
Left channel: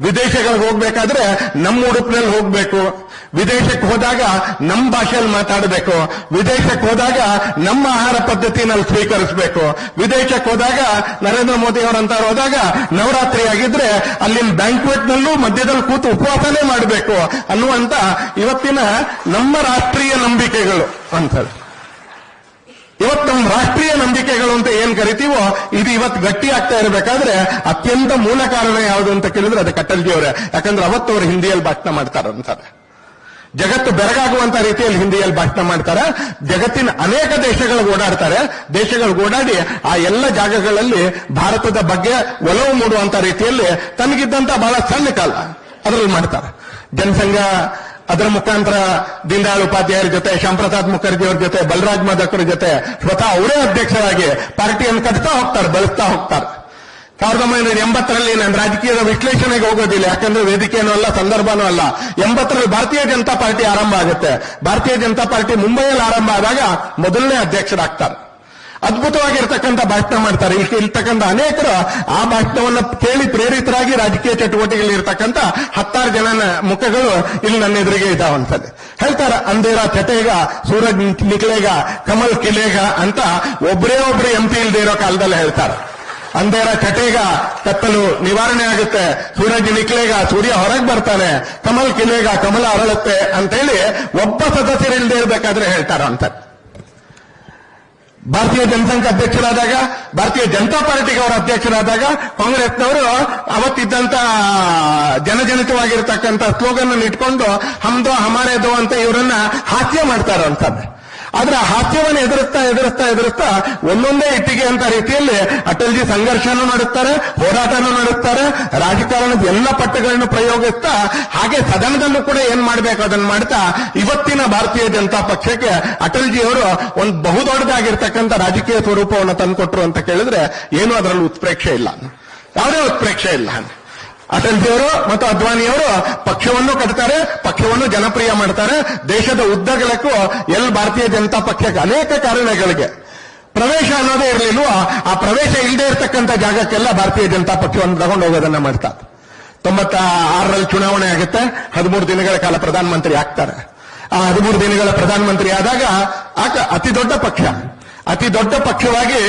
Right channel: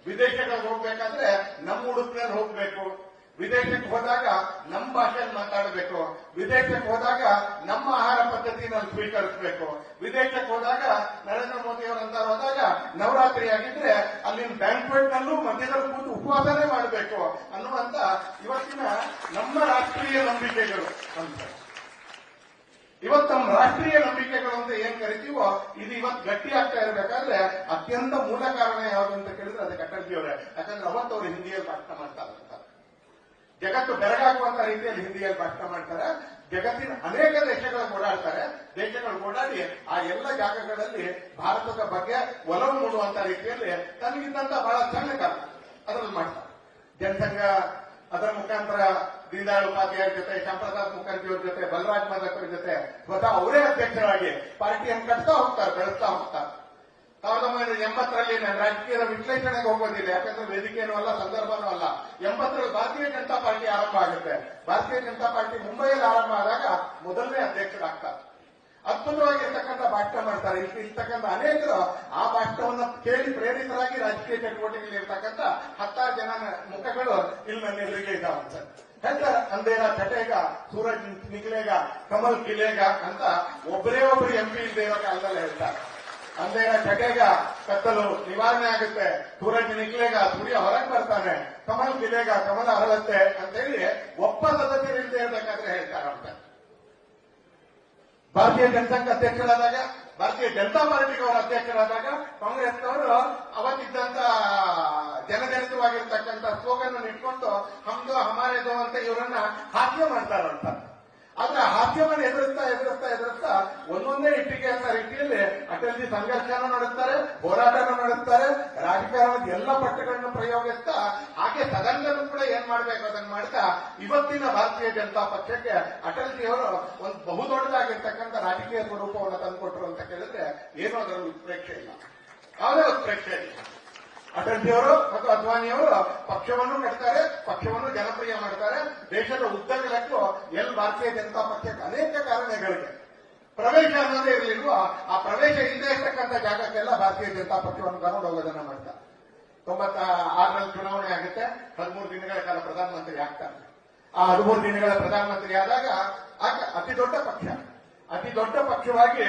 ವಿದೇಶಗಳಿಗೆ ಹೋಗ್ಬೇಕಾದ್ರೆ ನಮ್ಮ ಉಡುಪಿನಲ್ಲಿ ಹೋಗ್ಬೇಕು. ವಿದೇಶಕ್ಕೆ ಹೋದಾಗ ನಮ್ಮ ಭಾಷೆಯಲ್ಲಿ ಮಾತಾಡಬೇಕು. ವಿದೇಶಕ್ಕೆ ಹೋದಾಗ ನಮ್ಮ ಆಹಾರ ಪದ್ಧತಿನಲ್ಲಿ ಸ್ವೀಕರಿಸಬೇಕು. ವಿದೇಶಕ್ಕೆ ಹೋದಾಗ ನರೇಂದ್ರ ಮೋದಿ ಅವರಂತ ಹೋದಾಗ ನವರಾತ್ರಿ ಆಗಿದ್ರೆ ಅಲ್ಲಿನ ಬ್ಯಾಂಕ್ವೆಟ್ನಲ್ಲೂ ಮಧ್ಯದಲ್ಲಿ ಕೂತು ಉಪವಾಸನೆ ಮಾಡಬೇಕು ಅನ್ನುವಂತ ಇವತ್ತಿನ ನಮ್ಮ ರಾಷ್ಟ್ರೀಯ ನಂಬಿಕೆಗಳು ಅಂತ ಇವತ್ತು ನಮ್ಮ ರಾಷ್ಟ್ರೀಯ ನಂಬಿಕೆಗಳು ಅಂತ ಏನ್ ಕರಿತೀವೋ, ಇದು ಇವತ್ತು ಗಟ್ಟಿ ಆಗ್ತಾ ಇರಬೇಕಾದ್ರೆ ಅತ್ಯಂತ ಮೂಲ ಕಾರಣ ಯಾವುದು ಅಂತ ಕೇಳಿದ್ರೆ ಅದು ಅವರೇ. ಯಾಕಂದ್ರೆ ಅವತ್ತು ಅವರು ಹಿಂದಿಯಲ್ಲಿ ಭಾಷಣ ಮಾಡ್ತಾರಂತಾರೆ ಜಗತ್ತು ಬೆರಗಾಗುವಂತ ರೀತಿಯಲ್ಲಿ ಹಿಂದಿಯಲ್ಲಿ ಭಾಷಣ ಮಾಡ್ತಾರೆ. ಜಗತ್ತಿನ ಅನೇಕ ದೇಶಗಳಿಗೆ ಓಡಾಡ್ತಾರೆ. ದೇಶಗಳಿಗೆ ಓಡಾಡಿ ಆ ಎಲ್ಲ ಜಾಗಗಳಲ್ಲಿ ಭಾರತದ ಬಗ್ಗೆ ಒಲವು ಮೂಡುವಂತ ರೀತಿಯಲ್ಲಿ ತನಗಿದ್ದಂತ ಬಹಳ ಸಣ್ಣ ಕಾಲ ಅದರಲ್ಲಿ ಮಾಡ್ತಾರೆ. ಜನಸಂಘ ಅದರ ಮುಖಾಂತರ ದೀನದಯಾಳ್ ಉಪಾಧ್ಯಾಯರ ಜೊತೆ ಶ್ಯಾಂಪ್ರಸಾದ್ ಮುಖರ್ಜಿ ಅವರ ಜೊತೆ, ಬಲರಾಜ್ ಮಾದಕರ ಜೊತೆ ಸ್ವತಃ ಅವರೇ ಅಧ್ಯಕ್ಷರಾಗಿ ಪಾರ್ಟಿಯನ್ನು ಕಟ್ತಾ ಹೋಗ್ತಾರೆ, ಬೆಳೆಸ್ತಾ ಹೋಗ್ತಾರೆ. ಸಾವಿರದ ಒಂಬೈನೂರ ಎಂಬತ್ತರಲ್ಲಿ ನಾನು ರಾಜಕೀಯದ ವಿಶ್ಲೇಷಣೆಗೆ ಹೋಗೋದಿಲ್ಲ, ಯಾಕಂದ್ರೆ ವೇದಿಕೆಯೂ ಅಲ್ಲ, ಸಂದರ್ಭನೂ ಅಲ್ಲ. ಎಂಬತ್ತರಲ್ಲಿ ಭಾರತೀಯ ಜನತಾ ಪಾರ್ಟಿ ಆರಂಭ ಆಗುತ್ತೆ. ಭಾರತೀಯ ಜನತಾ ಪಾರ್ಟಿ ಮುಂಬೈಯಲ್ಲಿ ಆರಂಭ ಆದಾಗ ಮೊದಲನೇ ಅಧ್ಯಕ್ಷರಾಗ್ತಾರೆ. ಅದ್ಭುತವಾಗಿರ್ತಕ್ಕಂಥ ಭಾಷಣ ಮಾಡ್ತಾರೆ. ಇರ್ತಕ್ಕಂಥ ಅನೇಕರು ಆ ಭಾಷಣವನ್ನು ಕೇಳಿ ಪ್ರೇರಿತರಾಗಿ ರಾಜಕೀಯ ಚಟುವಟಿಕೆಯಲ್ಲಿ ಇರ್ತಕ್ಕಂಥ ಹತ್ತಾರು ಜನ ಮುಖಗಳು ಇಲ್ಲಿ ನನ್ನ ಎದುರಿಗೆ ಇದಾವಂತದೆ ಹೇಳ್ತಾರೆ ಅಂದೇರ ಚಟೇಗ ಸೂರಜ್ ನಿಕ್ಲೇಗ ಕಮಲ್ ಕಿಲೇಗ ಅಂತ ಒಬ್ಬರೇ ಒಬ್ರು ಎಂ ಪಿ ಇಲ್ದೇ ಇರೋ ಕಾಲದಲ್ಲಿ ಹೇಳ್ತಾರೆ. ಅಂದೇರ ಚಟೇಗ ಕತ್ತಲು ನಿವಾರಣೆ ಆಗುತ್ತೆ. ಸೂರಜ್ ನಿಕ್ಲೇಗ ಸೂರ್ಯ ಹೊರಗೆ ಬರ್ತಾನೆ. ಕಮಲ್ ಕಿಲೇಗ, ಕಮಲ ಅರಳುತ್ತೆ ಅಂತೇಳಿ ಒಬ್ಬ ಸದಸ್ಯರಿಲ್ಲದೆ ಇರಬೇಕಾದ್ರೆ ಹೇಳ್ತಾರ ಅಂತ ಭಾರತೀಯ ಜನಸಂಘ ಅಧ್ಯಕ್ಷರಾದಾಗ, ಭಾರತೀಯ ಜನತಾ ಪಾರ್ಟಿಗೆ ಅವರ ಅಧ್ಯಕ್ಷರಾದಾಗ ಕಾಂಗ್ರೆಸ್ನವರು ಅವತ್ತಿದ್ದಂತ ಜನಜನಿತವಾಗಿರ್ತಕ್ಕಂಥ ಸ್ಲೋಗನ್ ಇಟ್ಕೊಂಡು, ಹಮ್ದೋ ಹಮಾರೇದೋ ಅಂತ ಇವರನ್ನ ಹಾಸ್ಯ ಮಾಡ್ತಾರಂತದ್ದು ಆದ್ರೆ ಆ ಹಾಸ್ಯವನ್ನು ಎದುರಿಸ್ತಾ ಎದುರಿಸ್ತಾ ಎದುರಿಸ್ತಾ ಒಂದೊಂದೇ ಇಟ್ಟಿಗೆ ಅಂತ ರೀತಿಯಲ್ಲಿ ಅಟಲ್ಜಿ ಸಂಘರ್ಷನೂ ನಡೆಸ್ತಾರೆ ಹೋರಾಟನೂ ನಡೆಸ್ತಾರೆ, ರಾಜಕಾರಣದ ಎಲ್ಲ ಪಟ್ಟುಗಳನ್ನು ಪ್ರಯೋಗಿಸ್ತಾ ಹಾಗೆ ಸದನದಲ್ಲೂ ಕೂಡ ಏನ್ ಮಾಡ್ಬೇಕು ಅದನ್ನ ಮಾಡ್ತಾ ಇವತ್ತಿನ ಭಾರತೀಯ ಜನತಾ ಪಕ್ಷಕ್ಕೆ ಅಟಲ್ಜಿ ಅವರು ಒಂದು ಬಹುದೊಡ್ಡದಾಗಿರ್ತಕ್ಕಂಥ ರಾಜಕೀಯ ಸ್ವರೂಪವನ್ನು ತಂದುಕೊಟ್ರು ಅಂತ ಕೇಳಿದ್ರೆ ಏನು ಅದರಲ್ಲಿ ಉತ್ಪ್ರೇಕ್ಷೆ ಇಲ್ಲ. ಯಾವುದೇ ಉತ್ಪ್ರೇಕ್ಷೆ ಇಲ್ಲ. ಅಟಲ್ಜಿಯವರು ಮತ್ತು ಅದ್ವಾನಿಯವರು ಪಕ್ಷವನ್ನು ಕಟ್ತಾರೆ, ಪಕ್ಷವನ್ನು ಜನಪ್ರಿಯ ಮಾಡ್ತಾರೆ. ದೇಶದ ಉದ್ದಗಲಕ್ಕೂ ಎಲ್ ಭಾರತೀಯ ಜನತಾ ಪಕ್ಷಕ್ಕೆ ಅನೇಕ ಕಾರಣಗಳಿಗೆ. ಪ್ರವೇಶ ಅನ್ನೋದೇ ಇರಲಿಲ್ವ? ಆ ಪ್ರವೇಶ ಇಲ್ಲದೆ ಇರತಕ್ಕಂಥ ಜಾಗಕ್ಕೆಲ್ಲ ಭಾರತೀಯ ಜನತಾ ಪಕ್ಷವನ್ನು ತಗೊಂಡು ಹೋಗೋದನ್ನ ಮಾಡ್ತಾರೆ ತೊಂಬತ್ತ ಆರರಲ್ಲಿ ಚುನಾವಣೆ ಆಗುತ್ತೆ. ಹದಿಮೂರು ದಿನಗಳ ಕಾಲ ಪ್ರಧಾನಮಂತ್ರಿ ಆಗ್ತಾರೆ. ಆ ಹದಿಮೂರು ದಿನಗಳ ಪ್ರಧಾನಮಂತ್ರಿ ಆದಾಗ ಅತಿ ದೊಡ್ಡ ಪಕ್ಷ. ಅತಿ ದೊಡ್ಡ ಪಕ್ಷವಾಗಿ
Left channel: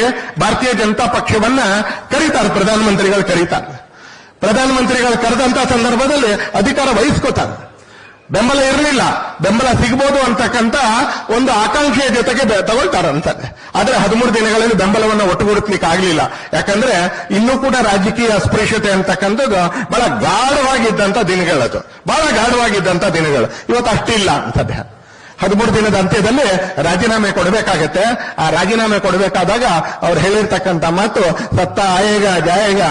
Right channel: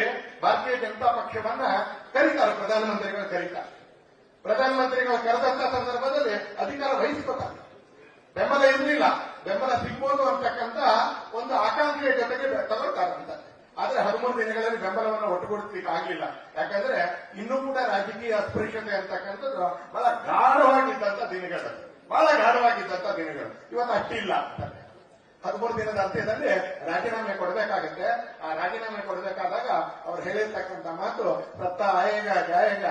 ಭಾರತೀಯ ಜನತಾ ಪಕ್ಷವನ್ನ ಕರೀತಾರೆ, ಪ್ರಧಾನಮಂತ್ರಿಗಳು ಕರೀತಾರೆ. ಪ್ರಧಾನಮಂತ್ರಿಗಳು ಕರೆದಂತ ಸಂದರ್ಭದಲ್ಲಿ ಅಧಿಕಾರ ವಹಿಸ್ಕೋತಾರೆ. ಬೆಂಬಲ ಇರಲಿಲ್ಲ. ಬೆಂಬಲ ಸಿಗಬಹುದು ಅಂತಕ್ಕಂತ ಒಂದು ಆಕಾಂಕ್ಷೆಯ ಜೊತೆಗೆ ತಗೊಳ್ತಾರ ಅಂತಾರೆ. ಆದ್ರೆ ಹದಿಮೂರು ದಿನಗಳಲ್ಲಿ ಬೆಂಬಲವನ್ನು ಒಟ್ಟುಗೂಡಿಸ್ಲಿಕ್ಕೆ ಆಗಲಿಲ್ಲ. ಯಾಕಂದ್ರೆ ಇನ್ನೂ ಕೂಡ ರಾಜಕೀಯ ಅಸ್ಪೃಶ್ಯತೆ ಅಂತಕ್ಕಂಥದ್ದು ಬಹಳ ಗಾಢವಾಗಿದ್ದಂತ ದಿನಗಳದು ಬಹಳ ಗಾಢವಾಗಿದ್ದಂತ ದಿನಗಳು. ಇವತ್ತು ಅಷ್ಟಿಲ್ಲ ಅಂತದ್ದೆ ಹದಿಮೂರು ದಿನದ ಅಂತ್ಯದಲ್ಲಿ ರಾಜೀನಾಮೆ ಕೊಡಬೇಕಾಗತ್ತೆ. ಆ ರಾಜೀನಾಮೆ ಕೊಡಬೇಕಾದಾಗ ಅವ್ರು ಹೇಳಿರ್ತಕ್ಕಂಥ ಮಾತು ಸತ್ತ, ಆಯೇಗ, ಜಾಯೇಗ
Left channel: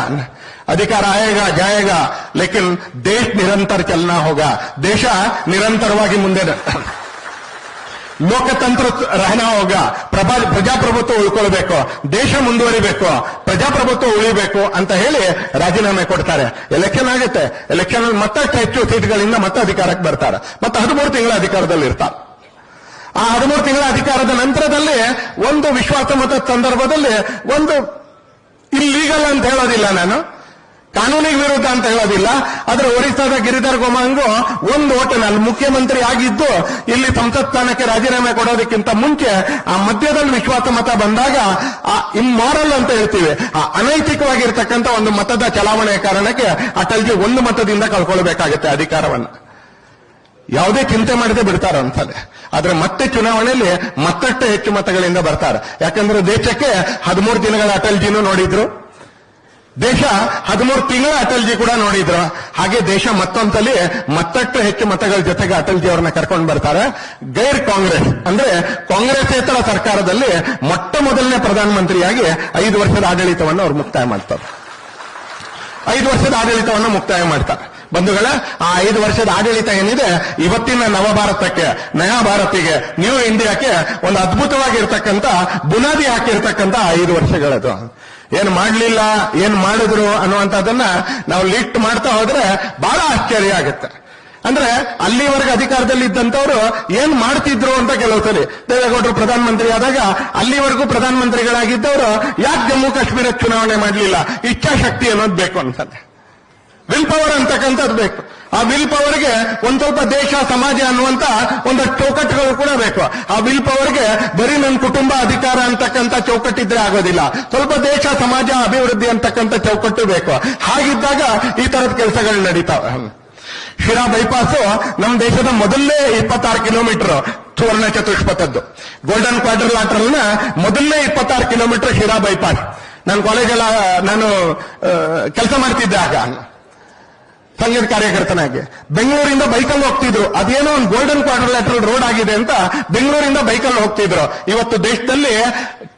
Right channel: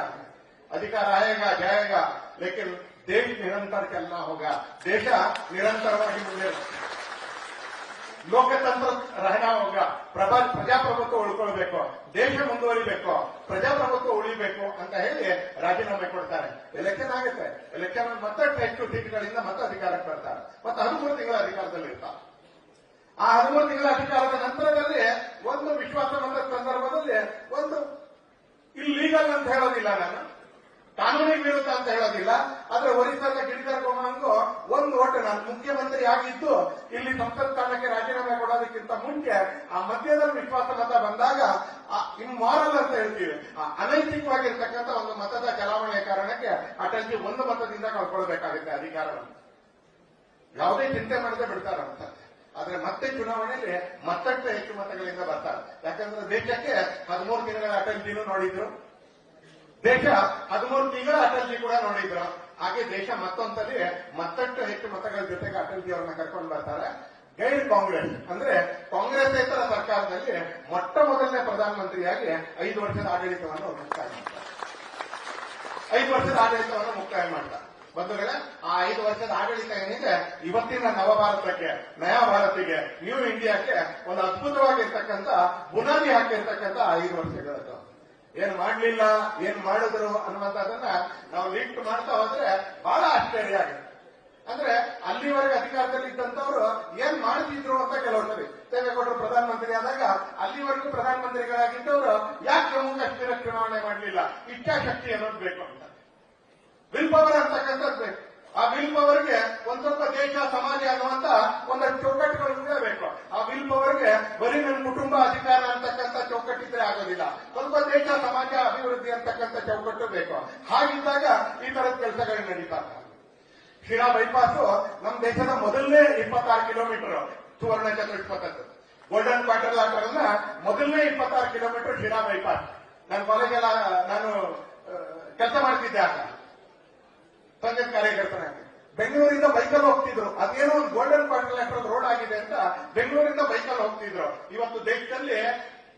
ಅಧಿಕಾರ ಆಯೇಗ, ಜಾಯೇಗ. ಲೇಕಿನ್ ದೇಶ ನಿರಂತರ ಚಲನಾ ಹೋಗ. ದೇಶ ನಿರಂತರವಾಗಿ ಮುಂದೆ ಲೋಕತಂತ್ರ ರಹನಾ ಹೋಗ. ಪ್ರಭಾ, ಪ್ರಜಾಪ್ರಭುತ್ವ ಉಳ್ಕೊಳ್ಬೇಕು. ದೇಶ ಮುಂದುವರಿಬೇಕು. ಪ್ರಜಾಪ್ರಭುತ್ವ ಉಳಿಬೇಕು ಅಂತ ಹೇಳಿ ರಾಜೀನಾಮೆ ಕೊಡ್ತಾರೆ. ಎಲೆಕ್ಷನ್ ಆಗುತ್ತೆ. ಎಲೆಕ್ಷನ್ ಮತ್ತಷ್ಟು ಹೆಚ್ಚು ಸೀಟ್ಗಳಿಂದ ಮತ್ತೆ ಅಧಿಕಾರಕ್ಕೆ ಬರ್ತಾರೆ. ಮತ್ತೆ ಹದಿಮೂರು ತಿಂಗಳ ಅಧಿಕಾರದಲ್ಲಿ ಇರ್ತಾರೆ. ಆ ಹದಿಮೂರು ತಿಂಗಳ ಅಧಿಕಾರದ ನಂತರದಲ್ಲಿ ಒಂದು ವಿಶ್ವಾಸ ಮತದ ಸಂದರ್ಭದಲ್ಲಿ ಒಂದು ಇಲ್ಲೀಗಲ್ ಅಂತ ಹೇಳೋದಿಲ್ಲ ನಾನು. ಕಾನೂನಿಗೆ ವಿರುದ್ಧ ಅಂತ ಹೇಳೋದಿಲ್ಲ. ಆದ್ರೆ ಒರಿಸ್ಸಾದ ಗಿರಿಧರ್ ಗೋಮಾಂಗು ಒಂದು ಹೋಟೆಲ್ ಮುಖ್ಯಮಂತ್ರಿ ಆಗಿದ್ದು, ಇಲ್ಲಿ ಸಂಸತ್ ಸ್ಥಾನಕ್ಕೆ ರಾಜೀನಾಮೆ ಕೊಡೋದಕ್ಕಿಂತ ಮುಂಚೆ ಆ ಮಧ್ಯದಲ್ಲಿ ವಿಶ್ವಾಸ ಮತ ಬಂದಾಗ, ಆ ಇಮ್ಮಾರಲ್ ಅಂತ ಹೇಳ್ತೀವಿ. ಆ ಅನೈತಿಕವಾಗಿರ್ತಕ್ಕಂಥ ಒಂದು ಮತದ ಚಲಾವಣೆಯ ಕಾರಣಕ್ಕೆ ಅಟಲ್ಜಿ ಒಂದು ಮತದಿಂದ ಕಳ್ಕೊಳ್ಬೇಕಾಗುತ್ತೆ ಅಧಿಕಾರವನ್ನು. ಯಾವುದೇ ಚಿಂತೆ ಮಾಡದೆ ಬಿಡ್ತಾರ ಅಂತಾನೆ ಆದ್ರೆ ಮತ್ತೆ ಚುನಾವಣೆಯಲ್ಲಿ ಮತ್ತಷ್ಟು ಹೆಚ್ಚು ಮತಗಳಿಂದ ಬರ್ತಾರೆ. ಯಾಕಂದ್ರೆ ದೇಶಕ್ಕೆ ಹದಿಮೂರು ದಿನಗಳ ಅಟಲ್ಜಿನೂ ನೋಡಿದ್ರು. ದೇಶ ಹದಿಮೂರು ತಿಂಗಳ ಅಟಲ್ಜಿ ಕೂಡ ನೋಡಿದ್ರು. ಹಾಗೆ ದೇಶ ಮತ್ತೊಂದಲ್ಲಿ ಮತ್ತಷ್ಟು ಹೆಚ್ಚು ಮತಗಳ ಜೊತೆಗೆ ಅಟಲ್ಜಿ ಅವರನ್ನ ಕರ್ಕೊಂಡು ಬರ್ತಾರೆ. ಗೈರ್ ಕಾಂಗ್ರೆಸ್ ಅಂದ್ರೆ ಕಾಂಗ್ರೆಸ್ಸೇತರ ಸರ್ಕಾರದಲ್ಲಿ ಮೊಟ್ಟ ಮೊದಲನೇ ಪ್ರಧಾನಮಂತ್ರಿಯಾಗಿ ಐದು ವರ್ಷದ ಆಡಳಿತವನ್ನು ಅವರು ಮುಕ್ತಾಯ ಮಾಡ್ತಾರೆ. ಐದು ವರ್ಷದ ಆಡಳಿತವನ್ನು ಮುಕ್ತಾಯ ಮಾಡ್ತಾರೆ. ಬಂಧುಗಳ, ಆ ಐದು ವರ್ಷದ ಆಡಳಿತ ಏನಿದೆ, ಇವತ್ತಿನ ನವ ಭಾರತಕ್ಕೆ ನಯಾ ಭಾರತಿಗೆ ನ್ಯೂ ಇಂಡಿಯಾಕ್ಕೆ ಒಂದು ಅದ್ಭುತವಾಗಿರ್ತಕ್ಕಂಥ ಬುನಾದಿ ಹಾಕಿರ್ತಕ್ಕಂಥ ಐದು ವರ್ಷಗಳದು. ಏನ್ ಮಾಡ್ಲಿಲ್ಲ, ಏನ್ ಮಾಡಿದ್ರು ಅನ್ನುವಂಥದ್ದನ್ನ ನಾವು ಲಿಸ್ಟ್ ಮಾಡ್ತಾ ಹೋದ್ರೆ ಬಹಳ ಆಶ್ಚರ್ಯ ಆಗುತ್ತೆ. ಅಂದ್ರೆ ಅಲ್ಲಿವರೆಗೆ ಅಧಿಕಾರದಲ್ಲಿ ಇದ್ದಂತವರು ಏನ್ ಮಾಡ್ತಿದ್ರು ಅಂತ ಕೆಲವು ಸರಿ ದೇವೇಗೌಡರು ಪ್ರಧಾನಮಂತ್ರಿ ಆದಾಗ ಅಲ್ಲಿವರೆಗೂ ಪ್ರಧಾನಮಂತ್ರಿಗಳಾಗಿದ್ದವರು ಯಾಕೆ ಜಮ್ಮು ಕಾಶ್ಮೀರ ಚುನಾವಣೆ ಮಾಡಲಿಲ್ಲ? ಇಚ್ಛಾಶಕ್ತಿ ಅನ್ನೋದು ಬೇಕು ಅನ್ಸತ್ತೆ. ವಿಲ್ ಪವರ್ ಅಂತಕ್ಕಂಥದ್ದು ಬೇಕು. ಆ ವಿಲ್ ಪವರ್ಗೆ ಒಂದ್ ಸ್ವಲ್ಪ ದೇಶ, ಸಮಾಜ ಅನ್ನುವಂತ ಒಂದಷ್ಟು ಚೌಕಟ್ಟುಗಳು ಕೂಡ ಬೇಕು. ಆ ವಿಲ್ ಪವರ್ಗೆ ಬರೀ ನನ್ನ ಕುಟುಂಬ, ಅಧಿಕಾರ ಅಂತಕ್ಕಂಥ ಚೌಕಟ್ಟಿದ್ರೆ ಆಗೋದಿಲ್ಲ. ಸ್ವಲ್ಪ ದೇಶ, ಸಮಾಜ, ಅಭಿವೃದ್ಧಿ ಅಂತಕ್ಕಂಥ ಚೌಕಟ್ಟು ಬೇಕು. ಹಾಗಿದ್ದಾಗ ಈ ತರದ ಕೆಲಸಗಳು ನಡೀತಾವೆ. ಶಿರಾ ಬೈಪಾಸ್ ನಮ್ಮ ದೇಶದ ಮೊದಲನೇ ಇಪ್ಪತ್ತಾರು ಕಿಲೋಮೀಟರ್ ಸುವರ್ಣ ಚತುಷ್ಪಥದ್ದು. ಗೋಲ್ಡನ್ ಕ್ವಾರ್ಟರ್ ಲಾಟರ್ನ ಮೊದಲನೇ ಇಪ್ಪತ್ತಾರು ಕಿಲೋಮೀಟರ್ ಶಿರಾ ಬೈಪಾಸ್ ನಾನು ಕಾಲೇಜಲ್ಲ ನಾನು ಕೆಲಸ ಮಾಡ್ತಿದ್ದೆ ಆಗ. ಸಂಗೀತ ಕಾರ್ಯಕರ್ತನಾಗಿ ಬೆಂಗಳೂರಿಂದ ಬೈಕಲ್ಲಿ ಹೋಗ್ತಿದ್ರು. ಅದೇನೋ ಒಂದು ಗೋಲ್ಡನ್ ಕ್ವಾಡ್ರಿಲ್ಯಾಟ್ರಲ್ ರೋಡ್ ಆಗಿದೆ ಅಂತ ಬೆಂಗಳೂರಿಂದ ಬೈಕಲ್ಲಿ ಹೋಗ್ತಿದ್ರು. ಇವತ್ತು ದೇಶದಲ್ಲಿ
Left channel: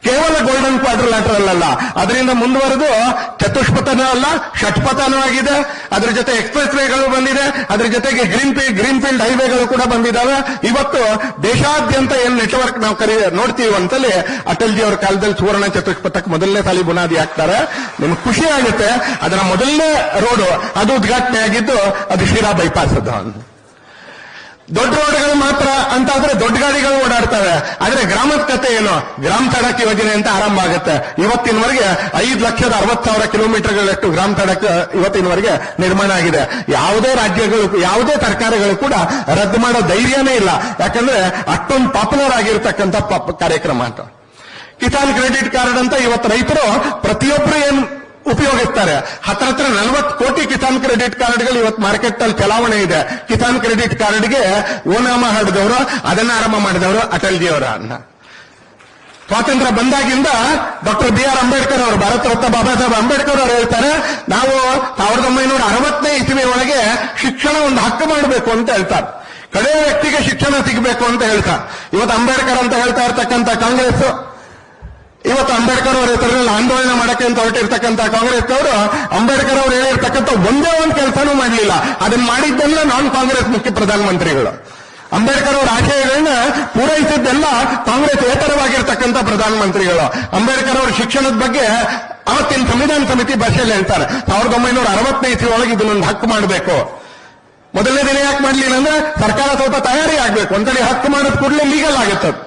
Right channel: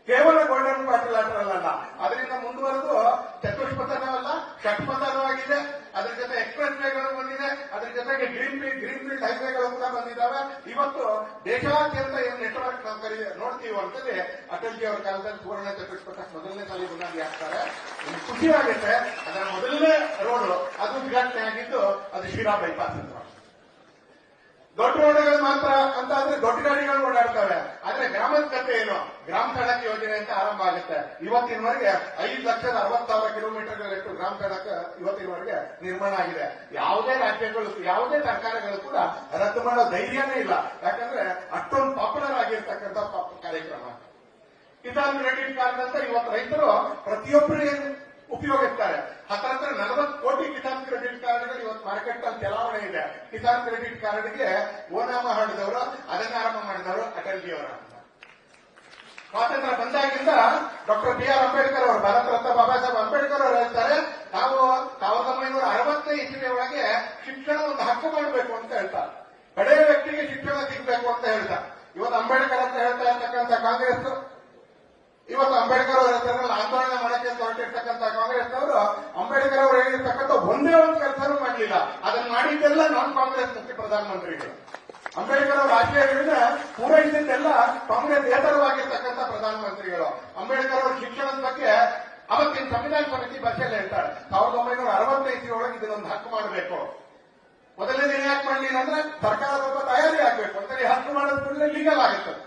ಕೇವಲ ಗೋಲ್ಡನ್ ಕ್ವಾಡ್ರಿಲ್ಯಾಟ್ರಲ್ ಅಲ್ಲ ಅದರಿಂದ ಮುಂದುವರೆದು ಚತುಷ್ಪಥನೂ ಅಲ್ಲ, ಷಟ್ಪಥನೂ ಆಗಿದೆ. ಅದ್ರ ಜೊತೆ ಎಕ್ಸ್ಪ್ರೆಸ್ ವೇಗಳು ಬಂದಿದೆ. ಅದ್ರ ಜೊತೆಗೆ ಗ್ರೀನ್ ಫೀಲ್ಡ್ ಗ್ರೀನ್ ಫೀಲ್ಡ್ ಹೈವೇಗಳು ಕೂಡ ಬಂದಿದ್ದಾವೆ. ಇವತ್ತು ದೇಶಾದ್ಯಂತ ಏನ್ ನೆಟ್ವರ್ಕ್ ನಾವು ಕರಿ, ನೋಡ್ತೀವಿ ಅಂತಲ್ಲಿ ಅಟಲ್ ಜಿ ಅವರ ಕಾಲದಲ್ಲಿ ಸುವರ್ಣ ಚತುಷ್ಪಥಕ್ಕೆ ಮೊದಲನೇ ಸಾಲಿ ಬುನಾದಿ ಹಾಕ್ತಾರೆ. ನಿಮ್ಗೆ ಖುಷಿ ಆಗುತ್ತೆ. ಅದರ ಮೊದಲನೇ ರೋಡ್ ಅದು ಉದ್ಘಾಟನೆ ಆಗಿದ್ದು ಅದು ಶಿರಾ ಬೈಪಾಸ್ ಅದು ದೊಡ್ಡ ರೋಡ್ಗಳು ಮಾತ್ರ ಅಂತ ಆದ್ರೆ ದೊಡ್ಡ ಗಾಡಿಗಳು ಓಡಾಡ್ತವೆ. ಆದ್ರೆ ಗ್ರಾಮದ ಕತೆ ಏನು? ಗ್ರಾಮ ಸಡಕ್ ಯೋಜನೆ ಅಂತ ಆರಂಭ ಆಗುತ್ತೆ. ಇವತ್ತಿನವರೆಗೆ ಐದು ಲಕ್ಷದ ಅರವತ್ ಸಾವಿರ ಕಿಲೋಮೀಟರ್ಗಳಷ್ಟು ಗ್ರಾಮ ಸಡಕ್ ಇವತ್ತಿನವರೆಗೆ ನಿರ್ಮಾಣ ಆಗಿದೆ. ಯಾವುದೇ ರಾಜ್ಯಗಳು, ಯಾವುದೇ ಸರ್ಕಾರಗಳು ಕೂಡ ರದ್ದು ಮಾಡೋ ಧೈರ್ಯನೇ ಇಲ್ಲ. ಯಾಕಂದ್ರೆ ಅಷ್ಟೊಂದು ಪಾಪ್ಯುಲರ್ ಆಗಿರ್ತಕ್ಕಂಥ ಪ- ಕಾರ್ಯಕ್ರಮ ಅಂತ. ಕಿಸಾನ್ ಕ್ರೆಡಿಟ್ ಕಾರ್ಡ್ ಅಂತ ಇವತ್ತು ರೈತರು ಪ್ರತಿಯೊಬ್ಬರು ಏನ್ ಉಪಯೋಗಿಸ್ತಾರೆ. ಹತ್ರ ಹತ್ರ ನಲವತ್ತು ಕೋಟಿ ಕಿಸಾನ್ ಕ್ರೆಡಿಟ್ ಕಾರ್ಡ್ಗಳು ಇವತ್ತು ಮಾರ್ಕೆಟ್ ಅಲ್ಲಿ ಚಲಾವಣೆ ಇದೆ. ಕಿಸಾನ್ ಕ್ರೆಡಿಟ್ ಕಾರ್ಡ್ಗೆ ಓನಾಮ ಹಾಡಿದವರು ಅದನ್ನ ಆರಂಭ ಮಾಡಿದವರು ಅಟಲ್ಜಿ ಅವರ ಅನ್ನ. ಸ್ವಾತಂತ್ರ್ಯ ಬಂದಾಗಿಂದ ಡಾಕ್ಟರ್ ಬಿ ಆರ್ ಅಂಬೇಡ್ಕರ್ ಅವರು, ಭಾರತ ರತ್ನ ಬಾಬಾ ಸಾಹೇಬ್ ಅಂಬೇಡ್ಕರ್ ಅವರು ಹೇಳ್ತಾರೆ, ನಾವು ಸಾವಿರದ ಒಂಬೈನೂರ ಅರವತ್ತನೇ ಇಸವಿ ಒಳಗೆ ಶಿಕ್ಷಣ ಒಂದು ಹಕ್ಕು ಮಾಡಬೇಕು ಅಂತ ಹೇಳ್ತಾರೆ. ಕಡೆ ವ್ಯಕ್ತಿಗೆ ಶಿಕ್ಷಣ ಸಿಗಬೇಕು ಅಂತ ಹೇಳ್ತಾರೆ. ಇವತ್ತು ಅಂಬೇಡ್ಕರ್ ಅಂತ ಹೇಳ್ತಾ ಇರ್ತಕ್ಕಂಥ ಕಾಂಗ್ರೆಸ್ ಇವತ್ತು ಅಂಬೇಡ್ಕರ್ ಅವರ ಹೆಸರಿನಲ್ಲಿ ಆಂದೋಲನ ಮಾಡಕ್ಕೆ ಅಂತ ಕಾಂಗ್ರೆಸ್ ಅವರು, ಅಂಬೇಡ್ಕರ್ ಅವರು ಹೇಳಿರ್ತಕ್ಕಂಥ ಒಂದೇ ಒಂದು ಕೆಲಸನೂ ಮಾಡಲಿಲ್ಲ. ಅದನ್ನ ಮಾಡಿದ್ದೆಲ್ಲ ನಾನ್ ಕಾಂಗ್ರೆಸ್ ಮುಖ್ಯ ಪ್ರಧಾನಮಂತ್ರಿಗಳು. ಅಂಬೇಡ್ಕರ್ ಅವರ ಆಶಯಗಳನ್ನ ಪೂರೈಸಿದ್ದೆಲ್ಲ ಕಾಂಗ್ರೆಸ್ ಏತರವಾಗಿರ್ತಕ್ಕಂಥ ಪ್ರಧಾನಮಂತ್ರಿಗಳು. ಅಂಬೇಡ್ಕರ್ ಅವರ ಶಿಕ್ಷಣದ ಬಗ್ಗೆ ಅವತ್ತಿನ ಸಂವಿಧಾನ ಸಮಿತಿ ಭಾಷೆಯಲ್ಲಿ ಹೇಳ್ತಾರೆ. ಸಾವಿರದ ಒಂಬೈನೂರ ಅರವತ್ತನೇ ಇಸ್ವಿ ಒಳಗೆ ಇದನ್ನೊಂದು ಹಕ್ಕು ಮಾಡಬೇಕು. ಮೊದಲನೇ ದಿನ ಯಾಕೆ ಮಾಡಲಿಲ್ಲ ಅಂದ್ರೆ ಸರ್ಕಾರ ಸ್ವಲ್ಪ ತಯಾರಿ ಆಗ್ಬೇಕು. ಒಂದ್ಸಲಿ ಹಕ್ಕು ಮಾಡಿದ ಕೂಡಲೇ ಲೀಗಲ್ ಆಗುತ್ತೆ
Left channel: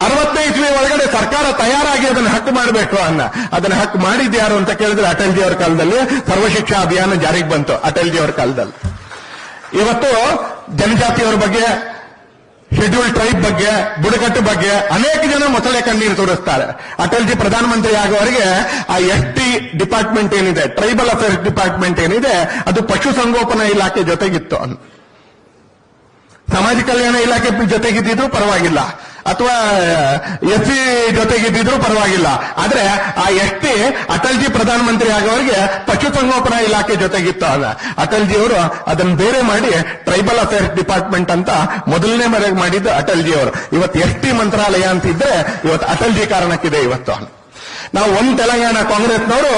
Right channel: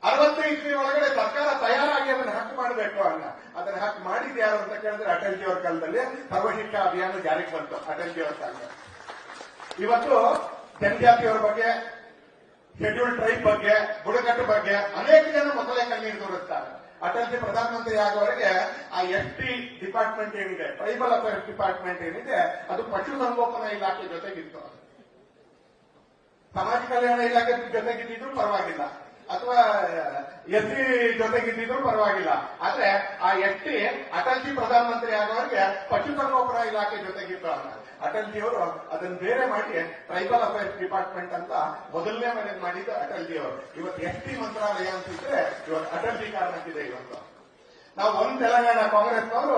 ಇಸ್ವಿ ಒಳಗಡೆ ಸರ್ಕಾರ ತಯಾರಾಗಿ ಅದನ್ನು ಹಕ್ಕು ಮಾಡಬೇಕು ಅನ್ನ. ಅದನ್ನ ಹಕ್ಕು ಮಾಡಿದ್ಯಾರು ಅಂತ ಕೇಳಿದ್ರೆ ಅಟಲ್ಜಿ ಅವರ ಕಾಲದಲ್ಲಿ ಸರ್ವಶಿಕ್ಷಾ ಅಭಿಯಾನ ಜಾರಿಗೆ ಬಂತು ಅಟಲ್ಜಿ ಅವರ ಕಾಲದಲ್ಲಿ. ಇವತ್ತು ಜನಜಾತಿಯವರ ಬಗ್ಗೆ ಶೆಡ್ಯೂಲ್ ಟ್ರೈಬ್ ಬಗ್ಗೆ, ಬುಡಕಟ್ಟು ಬಗ್ಗೆ ಅನೇಕ ಜನ ಮೊಸಳೆ ಕಣ್ಣೀರು ತೋರಿಸ್ತಾರೆ. ಅಟಲ್ಜಿ ಪ್ರಧಾನಮಂತ್ರಿ ಆಗುವವರೆಗೆ ಆ ಎಸ್ ಟಿ ಡಿಪಾರ್ಟ್ಮೆಂಟ್ ಏನಿದೆ ಟ್ರೈಬಲ್ ಅಫೇರ್ಸ್ ಡಿಪಾರ್ಟ್ಮೆಂಟ್ ಏನಿದೆ, ಅದು ಪಶುಸಂಗೋಪನಾ ಇಲಾಖೆ ಜೊತೆಗಿತ್ತು. ಸಮಾಜ ಕಲ್ಯಾಣ ಇಲಾಖೆ ಜೊತೆಗಿದ್ದಿದ್ರು ಪರವಾಗಿಲ್ಲ. ಅಥವಾ ಎಸ್, ಸಿ ಜೊತೆಗಿದ್ದಿದ್ರು ಪರವಾಗಿಲ್ಲ. ಆದ್ರೆ, ಆ ಎಸ್ ಟಿ ಅಟಲ್ಜಿ ಪ್ರಧಾನಮಂತ್ರಿ ಆಗೋರಿಗೆ ಪಶುಸಂಗೋಪನಾ ಇಲಾಖೆ ಜೊತೆಗಿತ್ತು ಅಟಲ್ ಅಟಲ್ಜಿ ಅವರು ಅದನ್ನ ಬೇರೆ ಮಾಡಿ ಟ್ರೈಬಲ್ ಅಫೇರ್ಸ್ ಡಿಪಾರ್ಟ್ಮೆಂಟ್ ಅಂತ ಮೊದಲನೇ ಮರೆಗೆ ಮಾಡಿದ್ದು ಅಟಲ್ಜಿ ಅವರು ಇವತ್ತು ಎಸ್ ಟಿ ಮಂತ್ರಾಲಯ ಅಂತಿದ್ರೆ ಇವತ್ತು ಅಟಲ್ಜಿ ಕಾರಣಕ್ಕಿದೆ ಇವತ್ತು. ನಾವು ಒಂದ್ ತೆಲಂಗಾಣ ಕಾಂಗ್ರೆಸ್ನವರು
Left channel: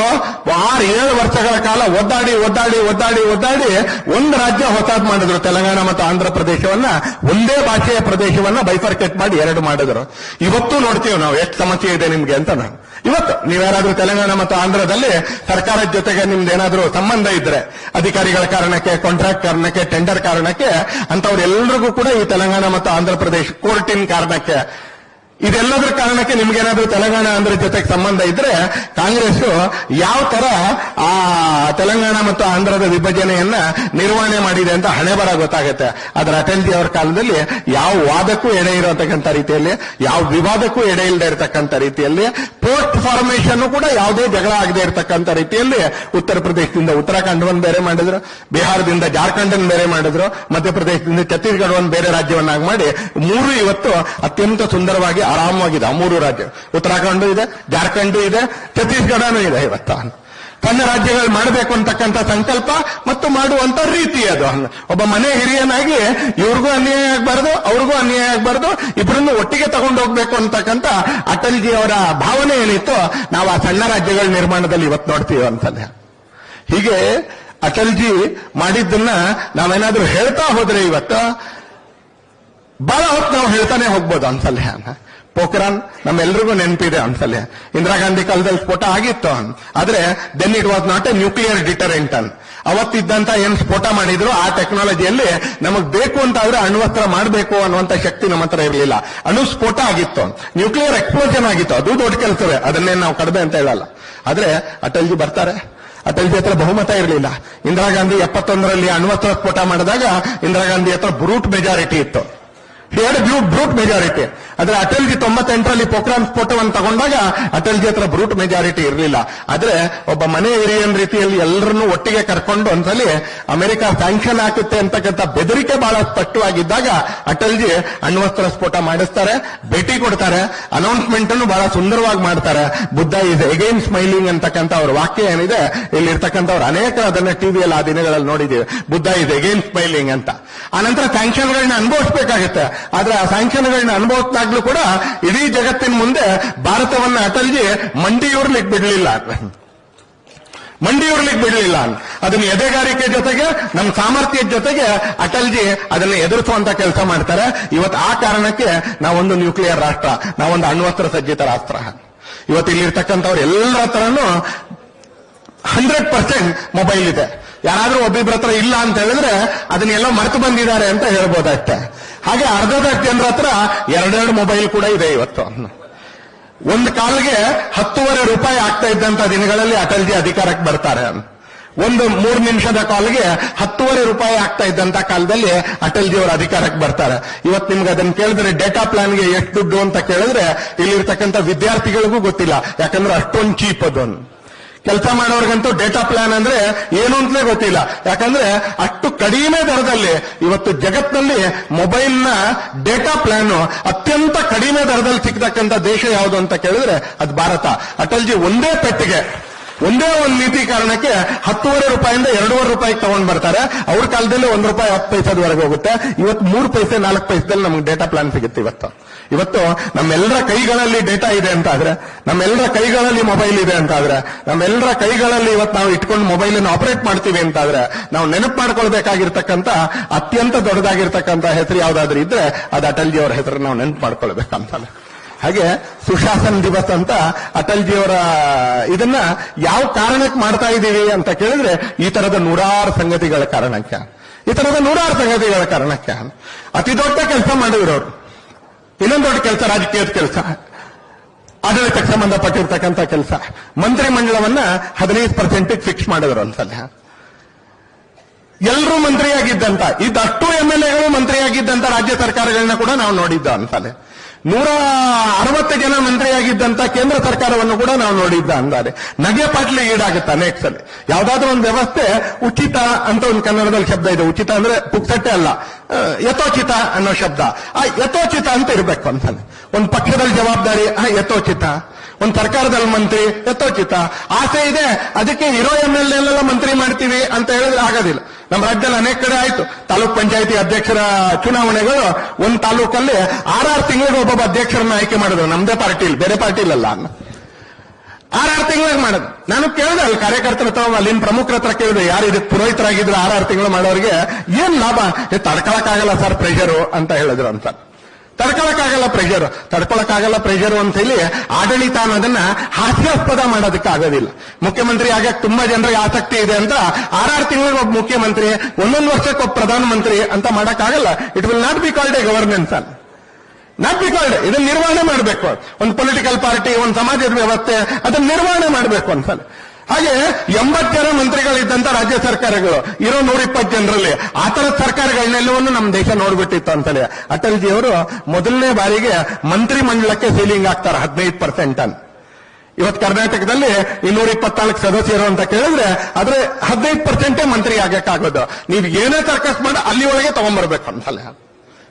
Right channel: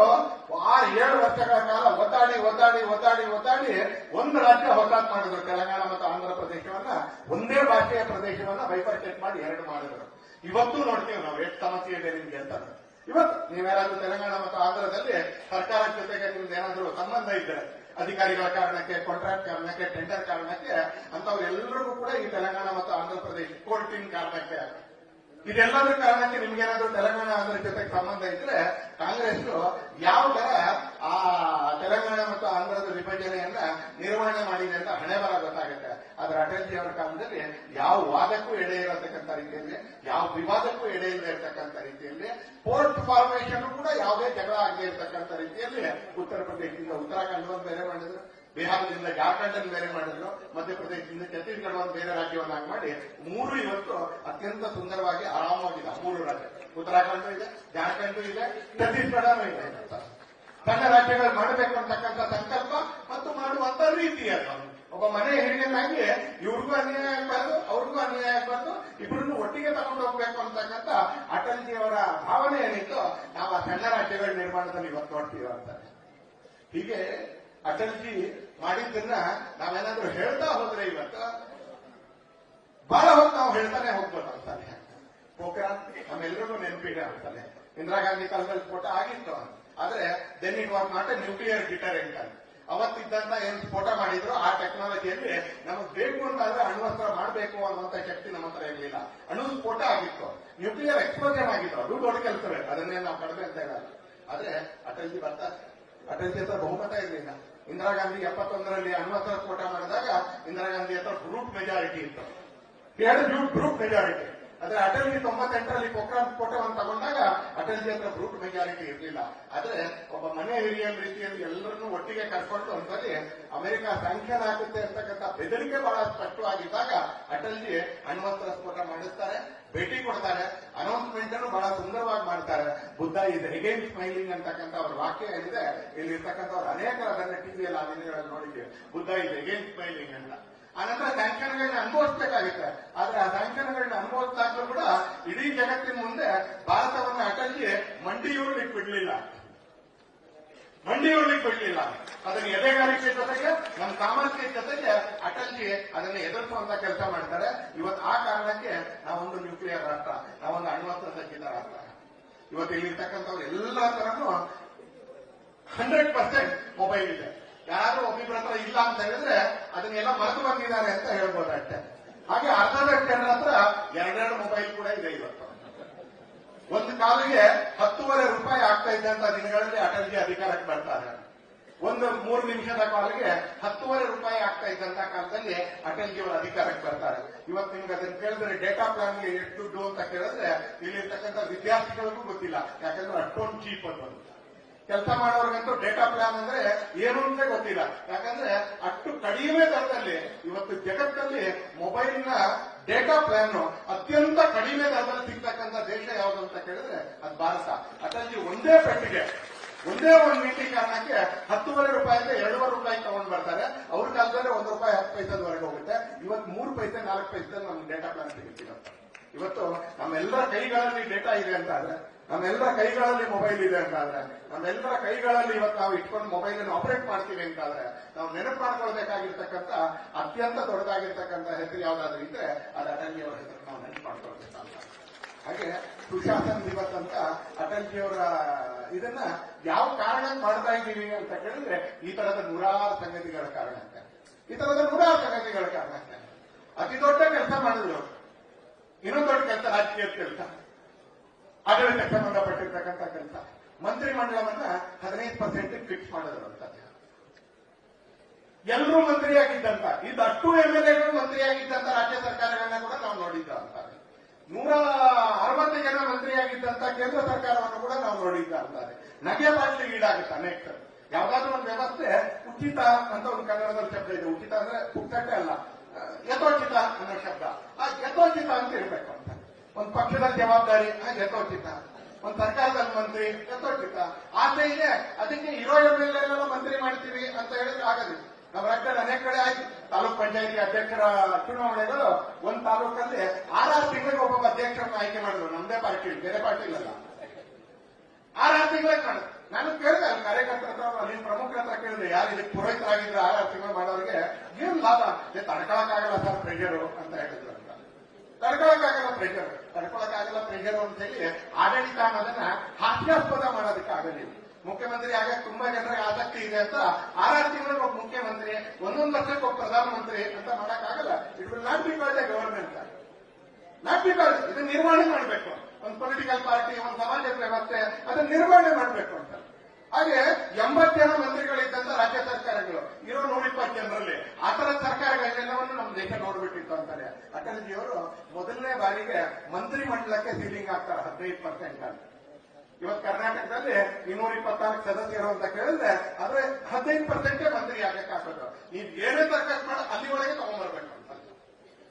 ಆರು ಏಳು ವರ್ಷಗಳ ಕಾಲ ಒದ್ದಾಡಿ ಒದ್ದಾಡಿ ಒದ್ದಾಡಿ ಒದ್ದಾಡಿ ಒಂದು ರಾಜ್ಯ ಹೊಸಾದ್ ಮಾಡಿದ್ರು, ತೆಲಂಗಾಣ ಮತ್ತು ಆಂಧ್ರ ಪ್ರದೇಶವನ್ನ. ಒಂದೇ ಭಾಷೆಯ ಪ್ರದೇಶವನ್ನ ಬೈಫರ್ಕೇಟ್ ಮಾಡಿ ಎರಡು ಮಾಡಿದ್ರು. ಇವತ್ತು ನೋಡ್ತೀವಿ ನಾವು, ಎಷ್ಟು ಸಮಸ್ಯೆ ಇದೆ ನಿಮ್ಗೆ ಅಂತ ನಾನು. ಇವತ್ತು ನೀವ್ಯಾರಾದ್ರೂ ತೆಲಂಗಾಣ ಮತ್ತು ಆಂಧ್ರದಲ್ಲಿ ಸರ್ಕಾರದ ಜೊತೆಗೆ ನಿಮ್ದು ಸಂಬಂಧ ಇದ್ರೆ, ಅಧಿಕಾರಿಗಳ ಕಾರಣಕ್ಕೆ ಕಾಂಟ್ರಾಕ್ಟ್ ಕಾರಣಕ್ಕೆ ಟೆಂಡರ್ ಕಾರಣಕ್ಕೆ ಅಂತವ್ರೆಲ್ಲರಿಗೂ ಕೂಡ ಈ ತೆಲಂಗಾಣ ಮತ್ತು ಆಂಧ್ರ ಪ್ರದೇಶ ಕೋರ್ಟಿನ ಕಾರಣಕ್ಕೆ ಇದೆಲ್ಲದರ ಕಾರಣಕ್ಕೆ ನಿಮ್ಗೇನಾದ್ರೂ ತೆಲಂಗಾಣ ಅಂದ್ರೆ ಜೊತೆಗೆ ಸಂಬಂಧ ಇದ್ರೆ ಕಾಂಗ್ರೆಸ್ ಯಾವ ತರ ಆ ತೆಲಂಗಾಣ ಮತ್ತು ಆಂಧ್ರದ ವಿಭಜನೆಯನ್ನ ನಿರ್ವಹಣೆ ಮಾಡಿದೆ ಅಂತ ಹಣೆ ಬರ ಗೊತ್ತಾಗುತ್ತೆ. ಆದ್ರೆ ಅಟಲ್ಜಿ ಅವರ ಕಾಲದಲ್ಲಿ ಯಾವ ವಾದಕ್ಕೂ ಎಡೆ ಇರತಕ್ಕಂಥ ರೀತಿಯಲ್ಲಿ, ಯಾವ ವಿವಾದಕ್ಕೂ ಎಡೆ ಇಲ್ಲದೆ ಇರತಕ್ಕಂಥ ರೀತಿಯಲ್ಲಿ, ಪೋಸ್ಟ್ ಫಾರ್ಮೇಶನ್ ಕೂಡ ಯಾವುದೇ ಜಗಳ ಆಗದೆ ಇರತಕ್ಕಂಥ ರೀತಿಯಲ್ಲಿ ಉತ್ತರ ಪ್ರದೇಶದಿಂದ ಉತ್ತರಾಖಂಡ್ ಒಂದು ಬೇರೆ ಮಾಡಿದ್ರು, ಬಿಹಾರದಿಂದ ಜಾರ್ಖಂಡ್ ಬೇರೆ ಮಾಡಿದ್ರು, ಮಧ್ಯಪ್ರದೇಶದಿಂದ ಛತ್ತೀಸ್ಗಢ ಒಂದು ಬೇರೆ ರಾಜ್ಯವನ್ನಾಗಿ ಮಾಡಿ ಮೂರು ಇವತ್ತು ಅತ್ಯಂತ ಸುಂದರವಾಗಿ ಆರಾಮವಾಗಿದೆ. ಮೂರು ರಾಜ್ಯ. ಉತ್ತರಾಖಂಡು ಇದೆ, ಜಾರ್ಖಂಡ್ ಇದೆ, ಛತ್ತೀಸ್ಗಢನೂ ಇದೆ ಇವತ್ತ. ತನ್ನ ರಾಜ್ಯಗಳು ಮಾಡಬೇಕು ಅಂತಕ್ಕಂಥ ಸಂಕಲ್ಪ ಮತ್ತು ಮಾಡುವಂತ ರೀತಿ ಅದು. ಒಬ್ಬ ಮನೆ ಹಿರಿಯನಾಗಿ ಇವ್ರಿಗೂ ಅನ್ಯಾಯ ಆಗ್ಬಾರ್ದು, ಅವ್ರಿಗೂ ಅನ್ಯಾಯ ಆಗ್ಬಾರ್ದು ಇಬ್ಬರನ್ನು ಒಟ್ಟಿಗೆ ತಗೊಂಡು ಹೋಗ್ಬೇಕು ಅಂತಕ್ಕಂಥ ಅಟಲ್ಜಿ ಅವರ ಭಾವನೆ ಏನಿತ್ತು ನಾವು ಆ ಸಣ್ಣ ರಾಜ್ಯಗಳ ನಿರ್ಮಾಣದಲ್ಲಿ ಇವತ್ತು ನೋಡ್ತೀವಿ ಅಂತಂದೆ ಹೀಗೆ ಅಟಲ್ಜಿ ಮಾಡಿದ್ದನ್ನ ನಾವೇನಾದ್ರೂ ಹೇಳ್ತಾ ಹೋದ್ರೆ ಇವತ್ತು ಬಹಳ ಹೊತ್ತು ನಾವು ಹೇಳ್ತಾನೆ ಹೋಗ್ಬೋದು ಅನ್ಸಲ್ಯ ಪೋಖ್ರಾನ್ ನಮ್ಮೆಲ್ರಿಗೂ ನೆನಪಿದೆ ಅನ್ಸಲ್ಲೇ ಇಂದಿರಾ ಗಾಂಧಿ ಕಾಲದಲ್ಲಿ ಸ್ಫೋಟ ಆಗಿತ್ತು. ಆದ್ರೆ then it was not a nuclear deterrent ಅನ್ ಅವತ್ತಿದ್ದಂತ ಏನ್ ಸ್ಫೋಟ ಮಾಡಿದ್ರು, ಆ ಟೆಕ್ನಾಲಜಿಯಲ್ಲಿ ನಮಗ್ ಬೇಕು ಅಂತ ಆದ್ರೆ ಅಣ್ವಸ್ತ್ರ ಮಾಡಬೇಕು ಅನ್ನುವಂತ ಶಕ್ತಿ ನಮ್ಮ ಹತ್ರ ಇರಲಿಲ್ಲ. ಅಣು ಸ್ಫೋಟ ಆಗಿತ್ತು. ನ್ಯೂಕ್ಲಿಯರ್ ಎಕ್ಸ್ಪ್ಲೋಷನ್ ಆಗಿತ್ತು. ಅದು ದೊಡ್ಡ ಕೆಲಸವೇ. ಅದನ್ನೇ ನಾವು ಕಡಿಮೆ ಅಂತ ಹೇಳಲ್ಲ. ಆದ್ರೆ, ಅಟಲ್ಜಿ ಬರ್ತಾರೆ. ಅಟಲ್ಜಿ ಹತ್ರ ಬಹುಮತ ಇರಲಿಲ್ಲ. ಇಂದಿರಾ ಗಾಂಧಿ ಎಪ್ಪತ್ತೊಂದರಲ್ಲಿ ಅಣ್ವಸ್ತ್ರ ಸ್ಫೋಟ ಮಾಡಿದಾಗ ಇಂದಿರಾ ಗಾಂಧಿ ಹತ್ರ ಬ್ರೂಟ್ ಮೆಜಾರಿಟಿ ಇತ್ತು. ಎರಡು ಬ್ರೂಟ್ ಬ್ರೂಟ್ ಮೆಜಾರಿಟಿ ಆದ್ರೆ ಅಟಲ್ಜಿ ತೊಂಬತ್ತೆಂಟರಲ್ಲಿ ಪೋಖ್ರಾನ್ ಸ್ಫೋಟವನ್ನು ತಗೊಂಡಾಗ ಅಟಲ್ಜಿ ಹತ್ರ ಬ್ರೂಟ್ ಮೆಜಾರಿಟಿ ಇರಲಿಲ್ಲ. ಆದ್ರೆ ಒಬ್ಬ ಮನೆ ಏರಿಯನ್ ರೀತಿಯಲ್ಲಿ ಎಲ್ಲರನ್ನೂ ಒಟ್ಟಿಗೆ ಕರ್ಕೊಂಡು ಒಂದ್ಸಲಿ ಅಮೆರಿಕ ಸ್ಯಾಂಕ್ಷನ್ ಹಾಕುತ್ತೆ ಅಂತಕ್ಕಂಥ ಬೆದರಿಕೆ ಬಹಳ ಸ್ಪಷ್ಟವಾಗಿದ್ದಾಗ ಅಟಲ್ಜಿ ಅಣ್ವಸ್ತ್ರ ಸ್ಫೋಟ ಮಾಡಿಸ್ತಾರೆ, ಭೇಟಿ ಕೊಡ್ತಾರೆ ಅನೌನ್ಸ್ಮೆಂಟ್ ಅನ್ನು ಬಹಳ ಸುಂದರವಾಗಿ ಮಾಡ್ತಾರೆ. ಬುದ್ಧ ಇಸ್ ಎಗೈನ್ ಸ್ಮೈಲಿಂಗ್ ಅಂತಕ್ಕಂಥ ಅವ್ರ ವಾಕ್ಯ ಏನಿದೆ ಇಲ್ಲಿ ಇರ್ತಕ್ಕಂಥವ್ರು ಅನೇಕ ಅದನ್ನ ಟಿವಿಯಲ್ಲಿ ಆ ದಿನಗಳಲ್ಲಿ ನೋಡಿದ್ದೀವಿ. ಬುದ್ಧ ಇಸ್ ಎಗೈನ್ ಸ್ಮೈಲಿಂಗ್ ಅಂತ. ಆನಂತರ ಸ್ಯಾಂಕ್ಷನ್ಗಳನ್ನ ಅನುಭವಿಸಬೇಕಾಗುತ್ತೆ. ಆದ್ರೆ ಆ ಸ್ಯಾಂಕ್ಷನ್ಗಳನ್ನ ಅನುಭವತ್ತಾಗ್ಲೂ ಕೂಡ ಇಡೀ ಜಗತ್ತಿನ ಮುಂದೆ ಭಾರತವನ್ನ ಅಟಲ್ಜಿ ಮಂಡಿಯೂರ್ಲಿಕ್ಕೆ ಬಿಡಲಿಲ್ಲ. ಮಂಡಿಯೂರ್ಲಿಕ್ಕೆ ಬಿಡಲಿಲ್ಲ. ಅದನ್ನ ಎದೆಗಾರಿಕೆ ಜೊತೆಗೆ ನಮ್ಮ ಸಾಮರ್ಥ್ಯದ ಜೊತೆಗೆ ಅಟಲ್ಜಿ ಅದನ್ನ ಎದುರಿಸುವಂತ ಕೆಲಸ ಮಾಡ್ತಾರೆ. ಇವತ್ತು ಆ ಕಾರಣಕ್ಕೆ ನಾವೊಂದು ನ್ಯೂಕ್ಲಿಯರ್ ರಾಷ್ಟ್ರ, ನಾವೊಂದು ಅಣ್ವಸ್ತ್ರ ಸಜ್ಜಿತ ರಾಷ್ಟ್ರ. ಇವತ್ತು ಇಲ್ಲಿರ್ತಕ್ಕಂಥವ್ರು ಎಲ್ಲರ ಹತ್ರನೂ ಹಂಡ್ರೆಡ್ ಪರ್ಸೆಂಟ್ ಮೊಬೈಲ್ ಇದೆ. ಯಾರಾದ್ರೂ ಒಬ್ಬಿಬ್ರ ಹತ್ರ ಇಲ್ಲ ಅಂತ ಹೇಳಿದ್ರೆ ಅದನ್ನೆಲ್ಲ ಮರೆತು ಬಂದಿದ್ದಾರೆ ಅಂತ ಹೇಳ್ಬೋದಷ್ಟೆ ಹಾಗೆ ಅರ್ಧದ ಜನರ ಹತ್ರ ಎರಡೆರಡು ಮೊಬೈಲ್ ಕೂಡ ಇದೆ ಇವತ್ತು. ಒಂದು ಕಾಲ್ಗೆ ಹತ್ತುವರೆ ರೂಪಾಯಿ ಆಗ್ತಾ ಇದ್ದಂತ ದಿನಗಳಲ್ಲಿ ಅಟಲ್ಜಿ ಅಧಿಕಾರಕ್ಕೆ ಬರ್ತಾರೆ. ಒಂದು ಮೂರು ನಿಮಿಷದ ಕಾಲ್ಗೆ ಹತ್ತುವರೆ ರೂಪಾಯಿ ಆಗ್ತಾ ಇದ್ದಂತ ಕಾಲದಲ್ಲಿ ಅಟಲ್ಜಿ ಅವರು ಅಧಿಕಾರಕ್ಕೆ ಬರ್ತಾರೆ. ಇವತ್ತು ನಿಮ್ಗೆ ಅದನ್ನ ಕೇಳಿದ್ರೆ ಡೇಟಾ ಪ್ಲಾನ್ಗೆ ಎಷ್ಟು ದುಡ್ಡು ಅಂತ ಕೇಳಿದ್ರೆ ಇಲ್ಲಿರ್ತಕ್ಕಂಥ ವಿದ್ಯಾರ್ಥಿಗಳಿಗೂ ಗೊತ್ತಿಲ್ಲ. ಯಾಕಂದ್ರೆ ಅಷ್ಟೊಂದು ಚೀಪ್ ಅದು ಕೆಲಸ ಮಾಡೋರ್ಗಂತೂ ಡೇಟಾ ಪ್ಲಾನ್ ಅಂದ್ರೆ ಏನು ಅಂತಲೇ ಗೊತ್ತಿಲ್ಲ. ಯಾಕಂದ್ರೆ ಅಷ್ಟು ಕಡಿಮೆ ದರದಲ್ಲಿ ಇವತ್ತು ಜಗತ್ತಿನಲ್ಲಿ ಮೊಬೈಲ್ನ ಡೇಟಾ ಪ್ಲಾನ್ ಅತ್ಯಂತ ಕಡಿಮೆ ದರದಲ್ಲಿ ಸಿಗ್ತಕ್ಕಂಥ ದೇಶ ಯಾವುದು ಅಂತ ಕೇಳಿದ್ರೆ ಅದು ಭಾರತ. ಅಟಲ್ಜಿ ಒಂದೇ ಪೆಟ್ಟಿಗೆ. ಒಂದೇ ಒಂದು ನೀತಿ ಕಾರಣಕ್ಕೆ ಹತ್ತುವರೆ ರೂಪಾಯಿಂದ ಎರಡೂವರೆ ರೂಪಾಯಿಗೆ ತಗೊಂಡ್ ಬರ್ತಾರೆ. ಅವ್ರ ಕಾಲದಲ್ಲಿ ಒಂದ್ ರೂಪಾಯಿ ಹತ್ತು ಪೈಸದವರೆಗೆ ಹೋಗುತ್ತೆ. ಇವತ್ತು ಮೂರು ಪೈಸೆ, ನಾಲ್ಕು ಪೈಸದಲ್ಲಿ ನಮ್ಗೆ ಡೇಟಾ ಪ್ಲಾನ್ ಸಿಗುತ್ತೆ ಇವತ್ತು. ಇವತ್ತು ನಮ್ಮೆಲ್ಲರ ಕೈಗಳಲ್ಲಿ ಡೇಟಾ ಇದೆ ಅಂತ ಆದ್ರೆ ನಮ್ಮೆಲ್ಲರ ಕೈಗಳಲ್ಲಿ ಮೊಬೈಲ್ ಇದೆ ಅಂತ ಆದ್ರೆ ನಮ್ಮೆಲ್ಲರ ಕೈಗಳಲ್ಲಿ ಇವತ್ತು ನಾವು ಇಟ್ಕೊಂಡು ಮೊಬೈಲ್ ಅನ್ನು ಆಪರೇಟ್ ಮಾಡ್ತೀವಿ ಅಂತ ಆದ್ರೆ ನಾವು ನೆನಪು ಮಾಡ್ಕೊಳ್ಬೇಕಾಗಿರ್ತಕ್ಕಂಥ, ಅತ್ಯಂತ ದೊಡ್ಡದಾಗಿರ್ತಕ್ಕಂಥ ಹೆಸರು ಯಾವ್ದಾದ್ರು ಇದ್ರೆ, ಅದು ಅಟಲ್ಜಿ ಅವರ ಹೆಸರು ನಾವು ನೆನಪು ಮಾಡ್ಕೊಳ್ಬೇಕಂತಾನೆ ಹಾಗೆ ಸುಶಾಸನ್ ದಿವಸ್ ಅಂತ ಅಟಲ್ ಜಿಯವರ ಇದನ್ನ ಯಾವ ಕಾರಣಕ್ಕೆ ಮಾಡ್ತಾ ಇದ್ದೀವಿ ಅಂತ ಕೇಳಿದ್ರೆ ಈ ತರದ ನೂರಾರು ಸಂಗತಿಗಳ ಕಾರಣಕ್ಕೆ. ಈ ತರದ ನೂರಾರು ಸಂಗತಿಗಳ ಕಾರಣಕ್ಕೆ. ಅತಿ ದೊಡ್ಡ ಕೆಲಸ ಮಾಡಿದ್ರು ಅವರು. ಇನ್ನೊಂದು ದೊಡ್ಡ ಕೆಲಸ ರಾಜಕೀಯದ ಕೆಲಸ. ಆಡಳಿತಕ್ಕೆ ಸಂಬಂಧಪಟ್ಟಿರ್ತಕ್ಕಂಥ ಕೆಲಸ. ಮಂತ್ರಿ ಮಂಡಲವನ್ನ ಹದಿನೈದು ಪರ್ಸೆಂಟ್ ಫಿಕ್ಸ್ ಮಾಡಿದ್ರು ಒಂದ್ಸಲ ಎಲ್ಲರೂ ಮಂತ್ರಿಯಾಗಿದ್ದಂತ ಇದಷ್ಟು ಎಂ ಎಲ್ ಎಗಳು ಮಂತ್ರಿಯಾಗಿದ್ದಂತ ರಾಜ್ಯ ಸರ್ಕಾರಗಳನ್ನ ಕೂಡ ನಾವು ನೋಡಿದ್ದ ಅಂತಾನೆ ನೂರ ಅರವತ್ತು ಜನ ಮಂತ್ರಿಯಾಗಿದ್ದಂತ ಕೇಂದ್ರ ಸರ್ಕಾರವನ್ನು ಕೂಡ ನಾವು ನೋಡಿದ್ದ ಅಂದಾರೆ. ನಗೆ ಪಾಟ್ಲಿ ಈಡಾಗುತ್ತ ಅನೇಕ ಅಲ್ಲಿ? ಯಾವ್ದಾದ್ರು ಒಂದು ವ್ಯವಸ್ಥೆ ಉಚಿತ ಅಂತ ಒಂದು ಕನ್ನಡದಲ್ಲಿ ಶಬ್ದ ಇದೆ. ಉಚಿತ ಅಂದ್ರೆ ಪುಕ್ಸಟ್ಟೆ ಅಲ್ಲ. ಯಥೋಚಿತ ಅನ್ನೋ ಶಬ್ದ. ಆ, ಯಥೋಚಿತ ಅಂತ ಇರಬೇಕು ಅಂತಾನೆ ಒಂದು ಪಕ್ಷದಲ್ಲಿ ಜವಾಬ್ದಾರಿ, ಆ, ಯಥೋಚಿತ. ಒಂದು ಸರ್ಕಾರದಲ್ಲಿ ಮಂತ್ರಿ ಯಥೋಚಿತ ಆಸೆ ಇದೆ, ಅದಕ್ಕೆ ಇರೋ ಎಂ ಎಲ್ ಎಲ್ಲ ಮಂತ್ರಿ ಮಾಡ್ತೀವಿ ಅಂತ ಹೇಳಿದ್ರೆ ಆಗೋದಿಲ್ಲ. ನಮ್ಮ ರಾಜ್ಯದಲ್ಲಿ ಅನೇಕ ಕಡೆ ಆಯ್ತು. ತಾಲೂಕ್ ಪಂಚಾಯತಿ ಅಧ್ಯಕ್ಷರ ಚುನಾವಣೆಗಳು, ಒಂದು ತಾಲೂಕಲ್ಲಿ ಆರಾರು ತಿಂಗಳಿಗೆ ಒಬ್ಬೊಬ್ಬ ಅಧ್ಯಕ್ಷರನ್ನ ಆಯ್ಕೆ ಮಾಡಿದ್ರು. ನಮ್ದೇ ಪಾರ್ಟಿ ಬೇರೆ ಪಾರ್ಟಿ ಅನ್ನ ಆರಾರು ತಿಂಗಳಿಗೆ ಮಾಡೋದು ನಾನು ಕೇಳಿದೆ ಅಲ್ಲಿ ಕಾರ್ಯಕರ್ತರ ಹತ್ರ, ಅಲ್ಲಿನ ಪ್ರಮುಖರ ಹತ್ರ ಕೇಳಿದೆ, ಯಾರು ಇದಕ್ಕೆ ಪುರೋಹಿತರಾಗಿದ್ರು ಆರಾರು ತಿಂಗಳು ಮಾಡೋರಿಗೆ, ಏನ್ ಲಾಭ? ತಡ್ಕೊಳಕ್ಕಾಗಲ್ಲ ಸರ್ ಪ್ರೆಷರು ಅಂತ ಹೇಳಿದ್ರು ಅಂತ. ತಡ್ಕೊಳಕ್ಕಾಗಲ್ಲ ಪ್ರೆಷರ್ ತಡ್ಕೊಳಕ್ಕಾಗಲ್ಲ ಪ್ರೆಷರ್ ಅಂತ ಹೇಳಿ ಆಡಳಿತ ಅನ್ನೋದನ್ನ ಹಾಸ್ಯಾಸ್ಪದ ಮಾಡೋದಕ್ಕೆ ಆಗೋದಿಲ್ಲ. ಮುಖ್ಯಮಂತ್ರಿ ಆಗಕ್ಕೆ ತುಂಬಾ ಜನರಿಗೆ ಆಸಕ್ತಿ ಇದೆ ಅಂತ ಆರಾರು ತಿಂಗಳಿಗೆ ಒಬ್ಬ ಮುಖ್ಯಮಂತ್ರಿ, ಒಂದೊಂದು ವರ್ಷಕ್ಕೆ ಒಬ್ಬ ಪ್ರಧಾನಮಂತ್ರಿ ಅಂತ ಮಾಡಕ್ಕಾಗಲ್ಲ. It will not be called a governance ಅಲ್ಲಿ. ನಾಟ್ ಬಿ ಕಾಲ್ಡ್ ಇದನ್ನ ನಿರ್ವಹಣೆ ಮಾಡಬೇಕು. ಒಂದು ಪೊಲಿಟಿಕಲ್ ಪಾರ್ಟಿ ಒಂದು ಸಮಾಜದ ವ್ಯವಸ್ಥೆ, ಅದನ್ನ ನಿರ್ವಹಣೆ ಮಾಡಬೇಕು ಅನ್ಸಲ್ಲ ಹಾಗೆ ಎಂಬತ್ತು ಮಂತ್ರಿಗಳಿದ್ದಂತ ರಾಜ್ಯ ಸರ್ಕಾರಗಳು. ಇರೋ ನೂರ ಇಪ್ಪತ್ತು ಜನರಲ್ಲಿ. ಆ ತರದ ಸರ್ಕಾರಗಳನ್ನೆಲ್ಲವನ್ನು ನಮ್ಮ ದೇಶ ನೋಡ್ಬಿಟ್ಟಿತ್ತು ಅಂತಲೇ ಅಟಲ್ಜಿ ಅವರು ಮೊದಲನೇ ಬಾರಿಗೆ ಮಂತ್ರಿ ಮಂಡಲಕ್ಕೆ ಸೀಲಿಂಗ್ ಆಗ್ತಾರೆ ಹದಿನೈದು ಪರ್ಸೆಂಟ್ ಅಂತ. ಇವತ್ತು ಕರ್ನಾಟಕದಲ್ಲಿ ಇನ್ನೂರ ಇಪ್ಪತ್ನಾಲ್ಕು ಸದಸ್ಯರು ಅಂತ ಕೇಳಿದ್ರೆ ಆದ್ರೆ ಹದಿನೈದು ಪರ್ಸೆಂಟೇ ಮಂತ್ರಿ ಆಗಕ್ಕಾಗೋದು ನೀವು ಏನೇ ಸರ್ಕಸ್ ಮಾಡಿ, ಅಲ್ಲಿ ಒಳಗೆ ತಗೊಂಡ್ಬರ್ಬೇಕು ಅಂತಲ್ಲ.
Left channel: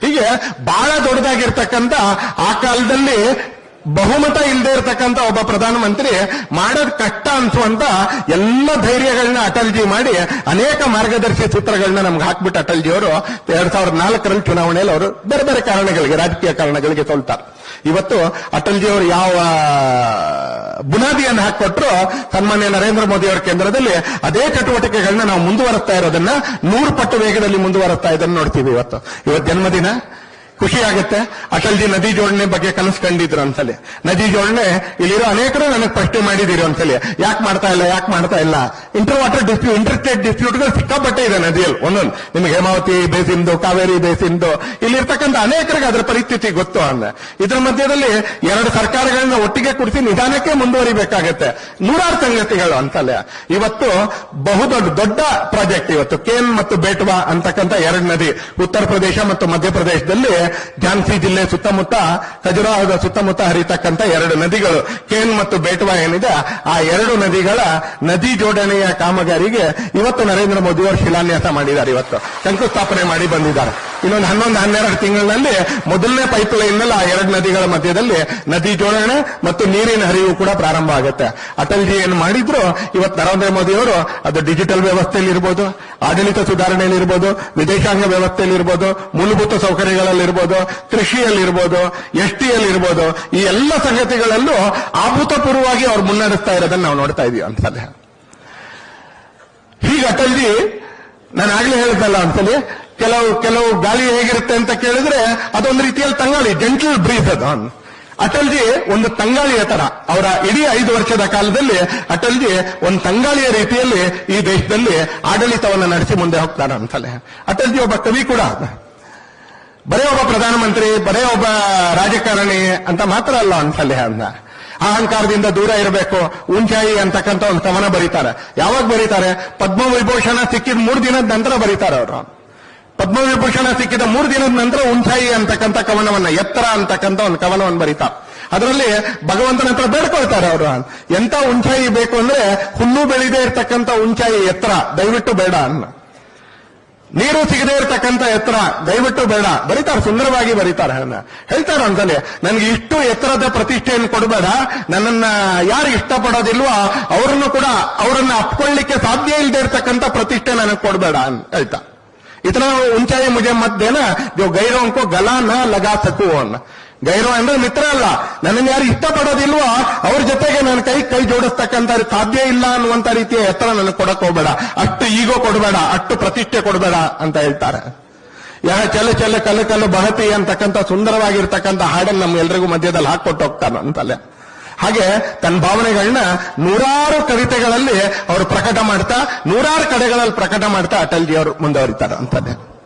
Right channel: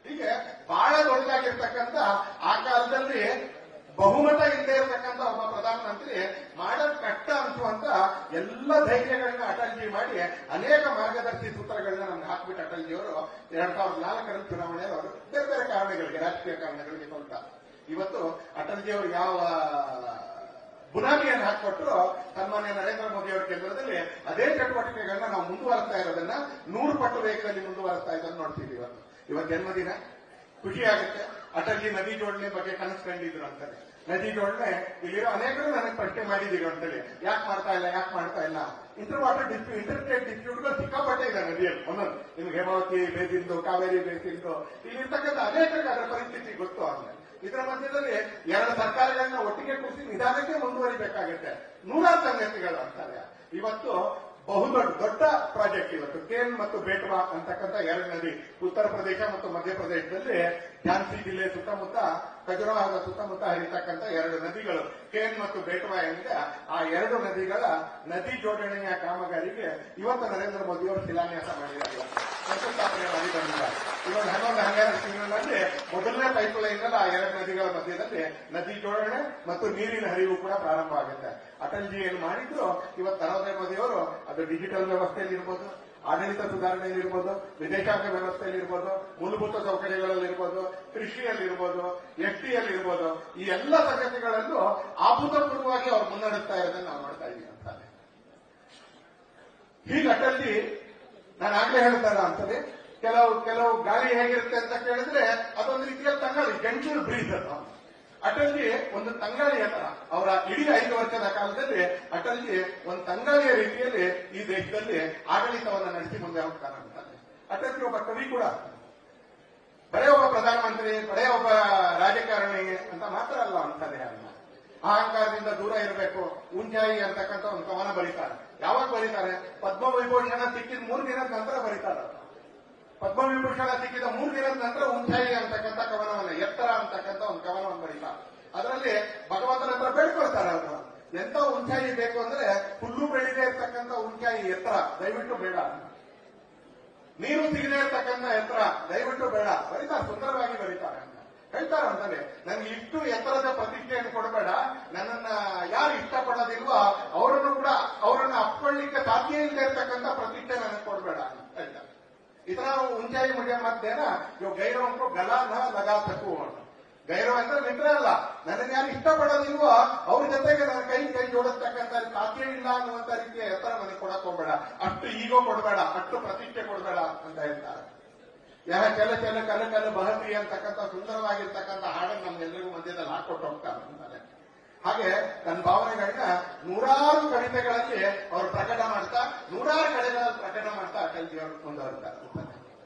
ಹೀಗೆ ಬಹಳ ದೊಡ್ಡದಾಗಿರ್ತಕ್ಕಂಥ ಆ ಕಾಲದಲ್ಲಿ ಬಹುಮತ ಇಲ್ಲದೆ ಇರತಕ್ಕಂತ ಒಬ್ಬ ಪ್ರಧಾನಮಂತ್ರಿ ಮಾಡೋದ್ ಕಷ್ಟ ಅನ್ಸುವಂತ ಎಲ್ಲ ಧೈರ್ಯಗಳನ್ನ ಅಟಲ್ಜಿ ಮಾಡಿ ಅನೇಕ ಮಾರ್ಗದರ್ಶಿ ಸೂತ್ರಗಳನ್ನ ನಮ್ಗೆ ಹಾಕ್ಬಿಟ್ಟು ಅಟಲ್ಜಿ ಅವರು ಎರಡ್ ಸಾವಿರದ ನಾಲ್ಕರಲ್ಲಿ ಚುನಾವಣೆಯಲ್ಲಿ ಅವರು ಬೇರೆ ಬೇರೆ ಕಾರಣಗಳಿಗೆ, ರಾಜಕೀಯ ಕಾರಣಗಳಿಗೆ ಸೋಲ್ತಾರೆ. ಇವತ್ತು ಅಟಲ್ಜಿ ಅವರು ಯಾವ ಬುನಾದಿಯನ್ನು ಹಾಕೊಟ್ರು ಸನ್ಮಾನ್ಯ ನರೇಂದ್ರ ಮೋದಿ ಅವರ ಕೇಂದ್ರದಲ್ಲಿ ಅದೇ ಚಟುವಟಿಕೆಗಳನ್ನ ನಾವು ಮುಂದುವರಿಸ್ತಾ ಇರೋದನ್ನ ನೂರು ಪಟ್ಟು ವೇಗದಲ್ಲಿ ಮುಂದುವರಿಸ್ತಾ ಇದನ್ನು ನೋಡ್ತೀವಿ ಇವತ್ತು. ಇವತ್ತು ಜನ್ಮದಿನ ಖುಷಿ ಆಗುತ್ತೆ. ಅಟಲ್ಜಿ ನದಿ ಜೋಡಣೆ ಬಗ್ಗೆ ಕನಸು ಕಂಡಿದ್ರು ನದಿ ಜೋಡಣೆ, ಇಲ್ಲಿರೋ ಅನೇಕರು ನನಗೆ ಪ್ರಶ್ನೆ ಮಾಡಿದಿರಿ ಒಂದ್ಸಲಿ ಯಾಕೆ ಮಾಡ್ತಾ ಇಲ್ಲ, ಯಾಕೆ ಮಾಡ್ತಾ ಇಲ್ಲ? Inter water dispute inter state ಡಿಸ್ಪ್ಯೂಟ್ಗಳು ಸಿಕ್ಕಾಪಟ್ಟೆ ಇದೆ ನದಿಯಲ್ಲಿ. ಒಂದೊಂದು, ನಿಮಗೆ ಹೇಮಾವತಿ ಬೇಸಿಂದು, ಕಾವೇರಿ ಬೇಸಿಂದು. ಇಲ್ಲಿರ್ತಕ್ಕಂಥ ಅನೇಕರಿಗೆ ಅದರ ಪರಿಸ್ಥಿತಿ ಗೊತ್ತು ಅಂದ ಇದರ ಮಧ್ಯದಲ್ಲಿ ಎರಡು ಸರ್ಕಾರಗಳನ್ನ ಒಟ್ಟಿಗೆ ಕುಡಿಸಿ ನಿಧಾನಕ್ಕೆ ಮುಂದುವರಿಬೇಕಾಗತ್ತೆ. ನೂರಾರು ಸಂಗತಿಗಳು ಅಂತಲ್ಲ ಇವತ್ತು ಬಹುದೊಡ್ಡ, ದೊಡ್ಡ ಪ್ರಾಜೆಕ್ಟ್ ಇವತ್ತು. ಕೇನ್ ಮತ್ತು ಬೇಟ್ವಾ ಅಂತಕ್ಕಂಥ ಎರಡು ನದಿ, ಉತ್ತರ ಪ್ರದೇಶ ಮತ್ತು ಮಧ್ಯಪ್ರದೇಶದಲ್ಲಿ ಝಾನ್ಸಿ ಜಿಲ್ಲೆ ಸುತ್ತಮುತ್ತ ಖಜುರಾಹದ ಸುತ್ತಮುತ್ತ ಹರಿತಕ್ಕಂಥ ಎರಡು ನದಿಗಳು. ಕೇನ್ ಮತ್ತು ಬೇಟ್ವಾ ಏನಿದೆ, ಆ ಎರಡು ನದಿಗಳ ನದಿ ಜೋಡಣೆಯ ಕಾಮಗಾರಿಗೆ ಇವತ್ತು ನರೇಂದ್ರ ಮೋದಿ ಅವರು ಶಿಲಾನ್ಯಾಸ ಮಾಡಿದ್ದಾರೆ ಇವತ್ತು. ಶಂಕುಸ್ಥಾಪನೆ ಮಾಡಿ ಬಂದಿದ್ದಾರೆ. ಇನ್ನೊಂದು ಹನ್ನೊಂದು, ಹನ್ನೆರಡು ತಿಂಗಳಿನಲ್ಲಿ ಮೊದಲನೇ ಪೈಪ್ ಲೈನ್ನಲ್ಲಿ ಆ ಎರಡು ನದಿಗಳ ಮಧ್ಯದಲ್ಲಿ ನದಿ ಜೋಡಣೆ ಮತ್ತು ನೀರಿನ ಹರಿವು ಕೂಡ ಪ್ರಾರಂಭ ಆಗುತ್ತೆ. ಅಟಲ್ಜಿ ಏನು ಮಾಡಿದ್ರು? ಇವತ್ತು ನರೇಂದ್ರ ಮೋದಿ ಅವರು ಅದು ಡಿಜಿಟಲ್ ವ್ಯವಸ್ಥೆಯಲ್ಲಿ ಇರ್ಬೋದು, ಆಡಳಿತ ಸುಧಾರಣೆಯಲ್ಲಿ ಇರ್ಬೋದು, ವಿದೇಶಾಂಗ ವ್ಯವಸ್ಥೆಯಲ್ಲಿ ಇರ್ಬೋದು, ಮೂಲಭೂತ ಸೌಕರ್ಯಗಳಲ್ಲಿ ಕೃಷಿಯಲ್ಲಿರ್ಬೋದು ಎಸ್ ಟಿಯಲ್ಲಿ ಇರ್ಬೋದು, ಈ ಎಲ್ಲ ಸಂಗತಿಗಳಲ್ಲೂ ಅಭೂತಪೂರ್ವವಾಗಿ ಅವ್ರು ಮುನ್ನಡೆಸ್ತಾ ಇರೋದನ್ನ ನಾವು ನೋಡ್ತಾ ಇದೀವಿ ಅಂತ ಹೀಗೆ ಅಟಲ್ಜಿ ನಾನು ಆಗ್ಲೇ ಹೇಳ್ದಲ್ಲ ಅಂತಲೇ ಕೆಲವು ಕೆಲವು ಗಾಳಿ ಹೇಗಿರುತ್ತೆ ಅಂತ ಕೇಳಿದ್ರೆ ಅದೊಂದು ರೀತಿಯಲ್ಲಿ ತಂಗಾಳಿ ಜೆಂಟಲ್ ಬ್ರೀಸ್ ಅದು. ಅಟಲ್ಜಿ ಒಂದು ತಂಗಾಳಿಯ ತರ. ಅವರ ಇಡೀ ಐದು ವರ್ಷದ ಕಾಲದಲ್ಲಿ ಅಟಲ್ಜಿ ಒಂದು ತಂಗಾಳಿಯ ರೀತಿಯಲ್ಲಿ ಈ ದೇಶದಲ್ಲಿ ಆಡಳಿತವನ್ನು ನಡೆಸಿ ಮುಂದೆ ಹೋಗ್ತಾರೆ ಅಂತಲೇ. ಅಟಲ್ಜಿ ಒಬ್ಬ ಕವಿ ಕೂಡ. ಬರೇ ಒಬ್ಬ ಪ್ರಧಾನಮಂತ್ರಿ, ಬರೇ ಒಬ್ಬ ರಾಜಕಾರಣಿ ಅಂತ ಮಾತ್ರ ಅಲ್ಲ ಅಂತಲೇ ಅಂದ ಅಹಂಕಾರದಿಂದ ದೂರ ಇರಬೇಕು, ಉಂಚಾಯಿ ಅಂತಕ್ಕಂಥ ಒಂದು ಕವನ ಬರೀತಾರೆ. ಯಾವಾಗ ಬರೀತಾರೆ? ಪದ್ಮ ವಿಭೂಷಣ ಸಿಕ್ಕಿದ ಮೂರು ದಿನದ ನಂತರ ಬರೀತಾರೆ ಅವರು. ಪದ್ಮವಿಭೂಷಣ ಸಿಕ್ಕಿದ ಮೂರು ದಿನದ ನಂತರ ಉಂಚಾಯಿ ಅಂತಕ್ಕಂಥ ಕವನವನ್ನ, ಎತ್ತರ ಅಂತಕ್ಕಂಥ ಒಂದು ಕವನವನ್ನು ಬರೀತಾ. ಅದರಲ್ಲಿ ಭಗವಂತನ ಹತ್ರ ಬೇಡ್ಕೊಳ್ತಾರೆ ಅವರು. ಎಂತ ಉಂಚಾಯಿ ಬೇಕು ಅಂದ್ರೆ ಹುಲ್ಲು ಬೆಳೆದೇ ಇರತಕ್ಕಂಥ ಉಂಚಾಯಿ ಎತ್ತರ, ದಯವಿಟ್ಟು ಬೇಡ ಅನ್ನ. ನೀರು ಸಿಗದೇ ಇರತಕ್ಕಂಥ ಎತ್ತರ, ದಯವಿಟ್ಟು ಬೇಡ. ಬರೀತಾರೆ, ಸುಂದರವಾಗಿ ಬರೀತಾರೆ ಅನ್ನ. ಹೇಳ್ತಾರೆ ಅಂತಲೇ ನನಗೆ ಇಷ್ಟು ಎತ್ತರದ ಪ್ರತಿಷ್ಠೆಯನ್ನು ಕೊಡಬೇಡ. ನನ್ನನ್ನ ಯಾರು ಇಷ್ಟಪಡೋದಿಲ್ವೋ ಅವರನ್ನು ಕೂಡ, ಅವರನ್ನ ಅಪ್ಕೊಳ್ಳಿಕ್ಕೆ ಸಾಧ್ಯ ಇಲ್ಲದೆ ಇರತಕ್ಕಂತ ಪ್ರತಿಷ್ಠೆ ನನಗೆ ಕೊಡಬೇಡ ಅಂತ ಹೇಳ್ತಾ. ಇತರ ಉಂಚಾಯಿ ಮುಜೆ ಮತ್ ದೇನ जो गैरों को गला न लगा सकू ಅನ್ನ ಗೈರೋ ಅಂದ್ರೆ ಮಿತ್ರ ಅಲ್ಲ ನನ್ನನ್ನು ಯಾರು ಇಷ್ಟಪಡೋದಿಲ್ವೋ ಅವ್ರ ಜೊತೆಗೆ ನನ್ನ ಕೈ ಕೈ ಜೋಡಿಸ್ತಕ್ಕಂಥ ಸಾಧ್ಯ ಇಲ್ಲ ಅನ್ನುವಂತ ರೀತಿಯ ಎತ್ತರ ನನಗೆ ಕೊಡಕ್ ಹೋಗ್ಬೇಡ ಅಷ್ಟು ಈಗೋ ಕೊಡಬೇಡ ಅಷ್ಟು ಪ್ರತಿಷ್ಠೆ ಕೊಡಬೇಡ ಅಂತ ಹೇಳ್ತಾರೆ ಯಾ ಚೆಲ್ಲ ಚೆಲ್ಲ ಕಲ್ಲು ಕಲ್ಲು ಬಹತಿ ಅಂತಕ್ಕಂಥ ಸುಂದರವಾಗಿರ್ತಕ್ಕಂಥ ಹಾಡನ್ನು ನಮ್ಮ ಎಲ್ರಿಗೂ ಮಧ್ಯದಲ್ಲಿ ಹಾಕೊಟ್ಟು ಹೋಗ್ತಾನೆ ಅಂತಲ್ಲೇ ಹಾಗೆ ತನ್ನ ಭಾವನೆಗಳನ್ನ ನೂರಾರು ಕವಿತೆಗಳಲ್ಲಿ ಅವರು ಪ್ರಕಟ ಮಾಡ್ತಾ, ನೂರಾರು ಕಡೆಗಳಲ್ಲಿ ಪ್ರಕಟ ಮಾಡ್ತಾ ಅಟಲ್ಜಿ ಅವರು ಮುಂದುವರಿತಾರೆ ಅಂತಾನೆ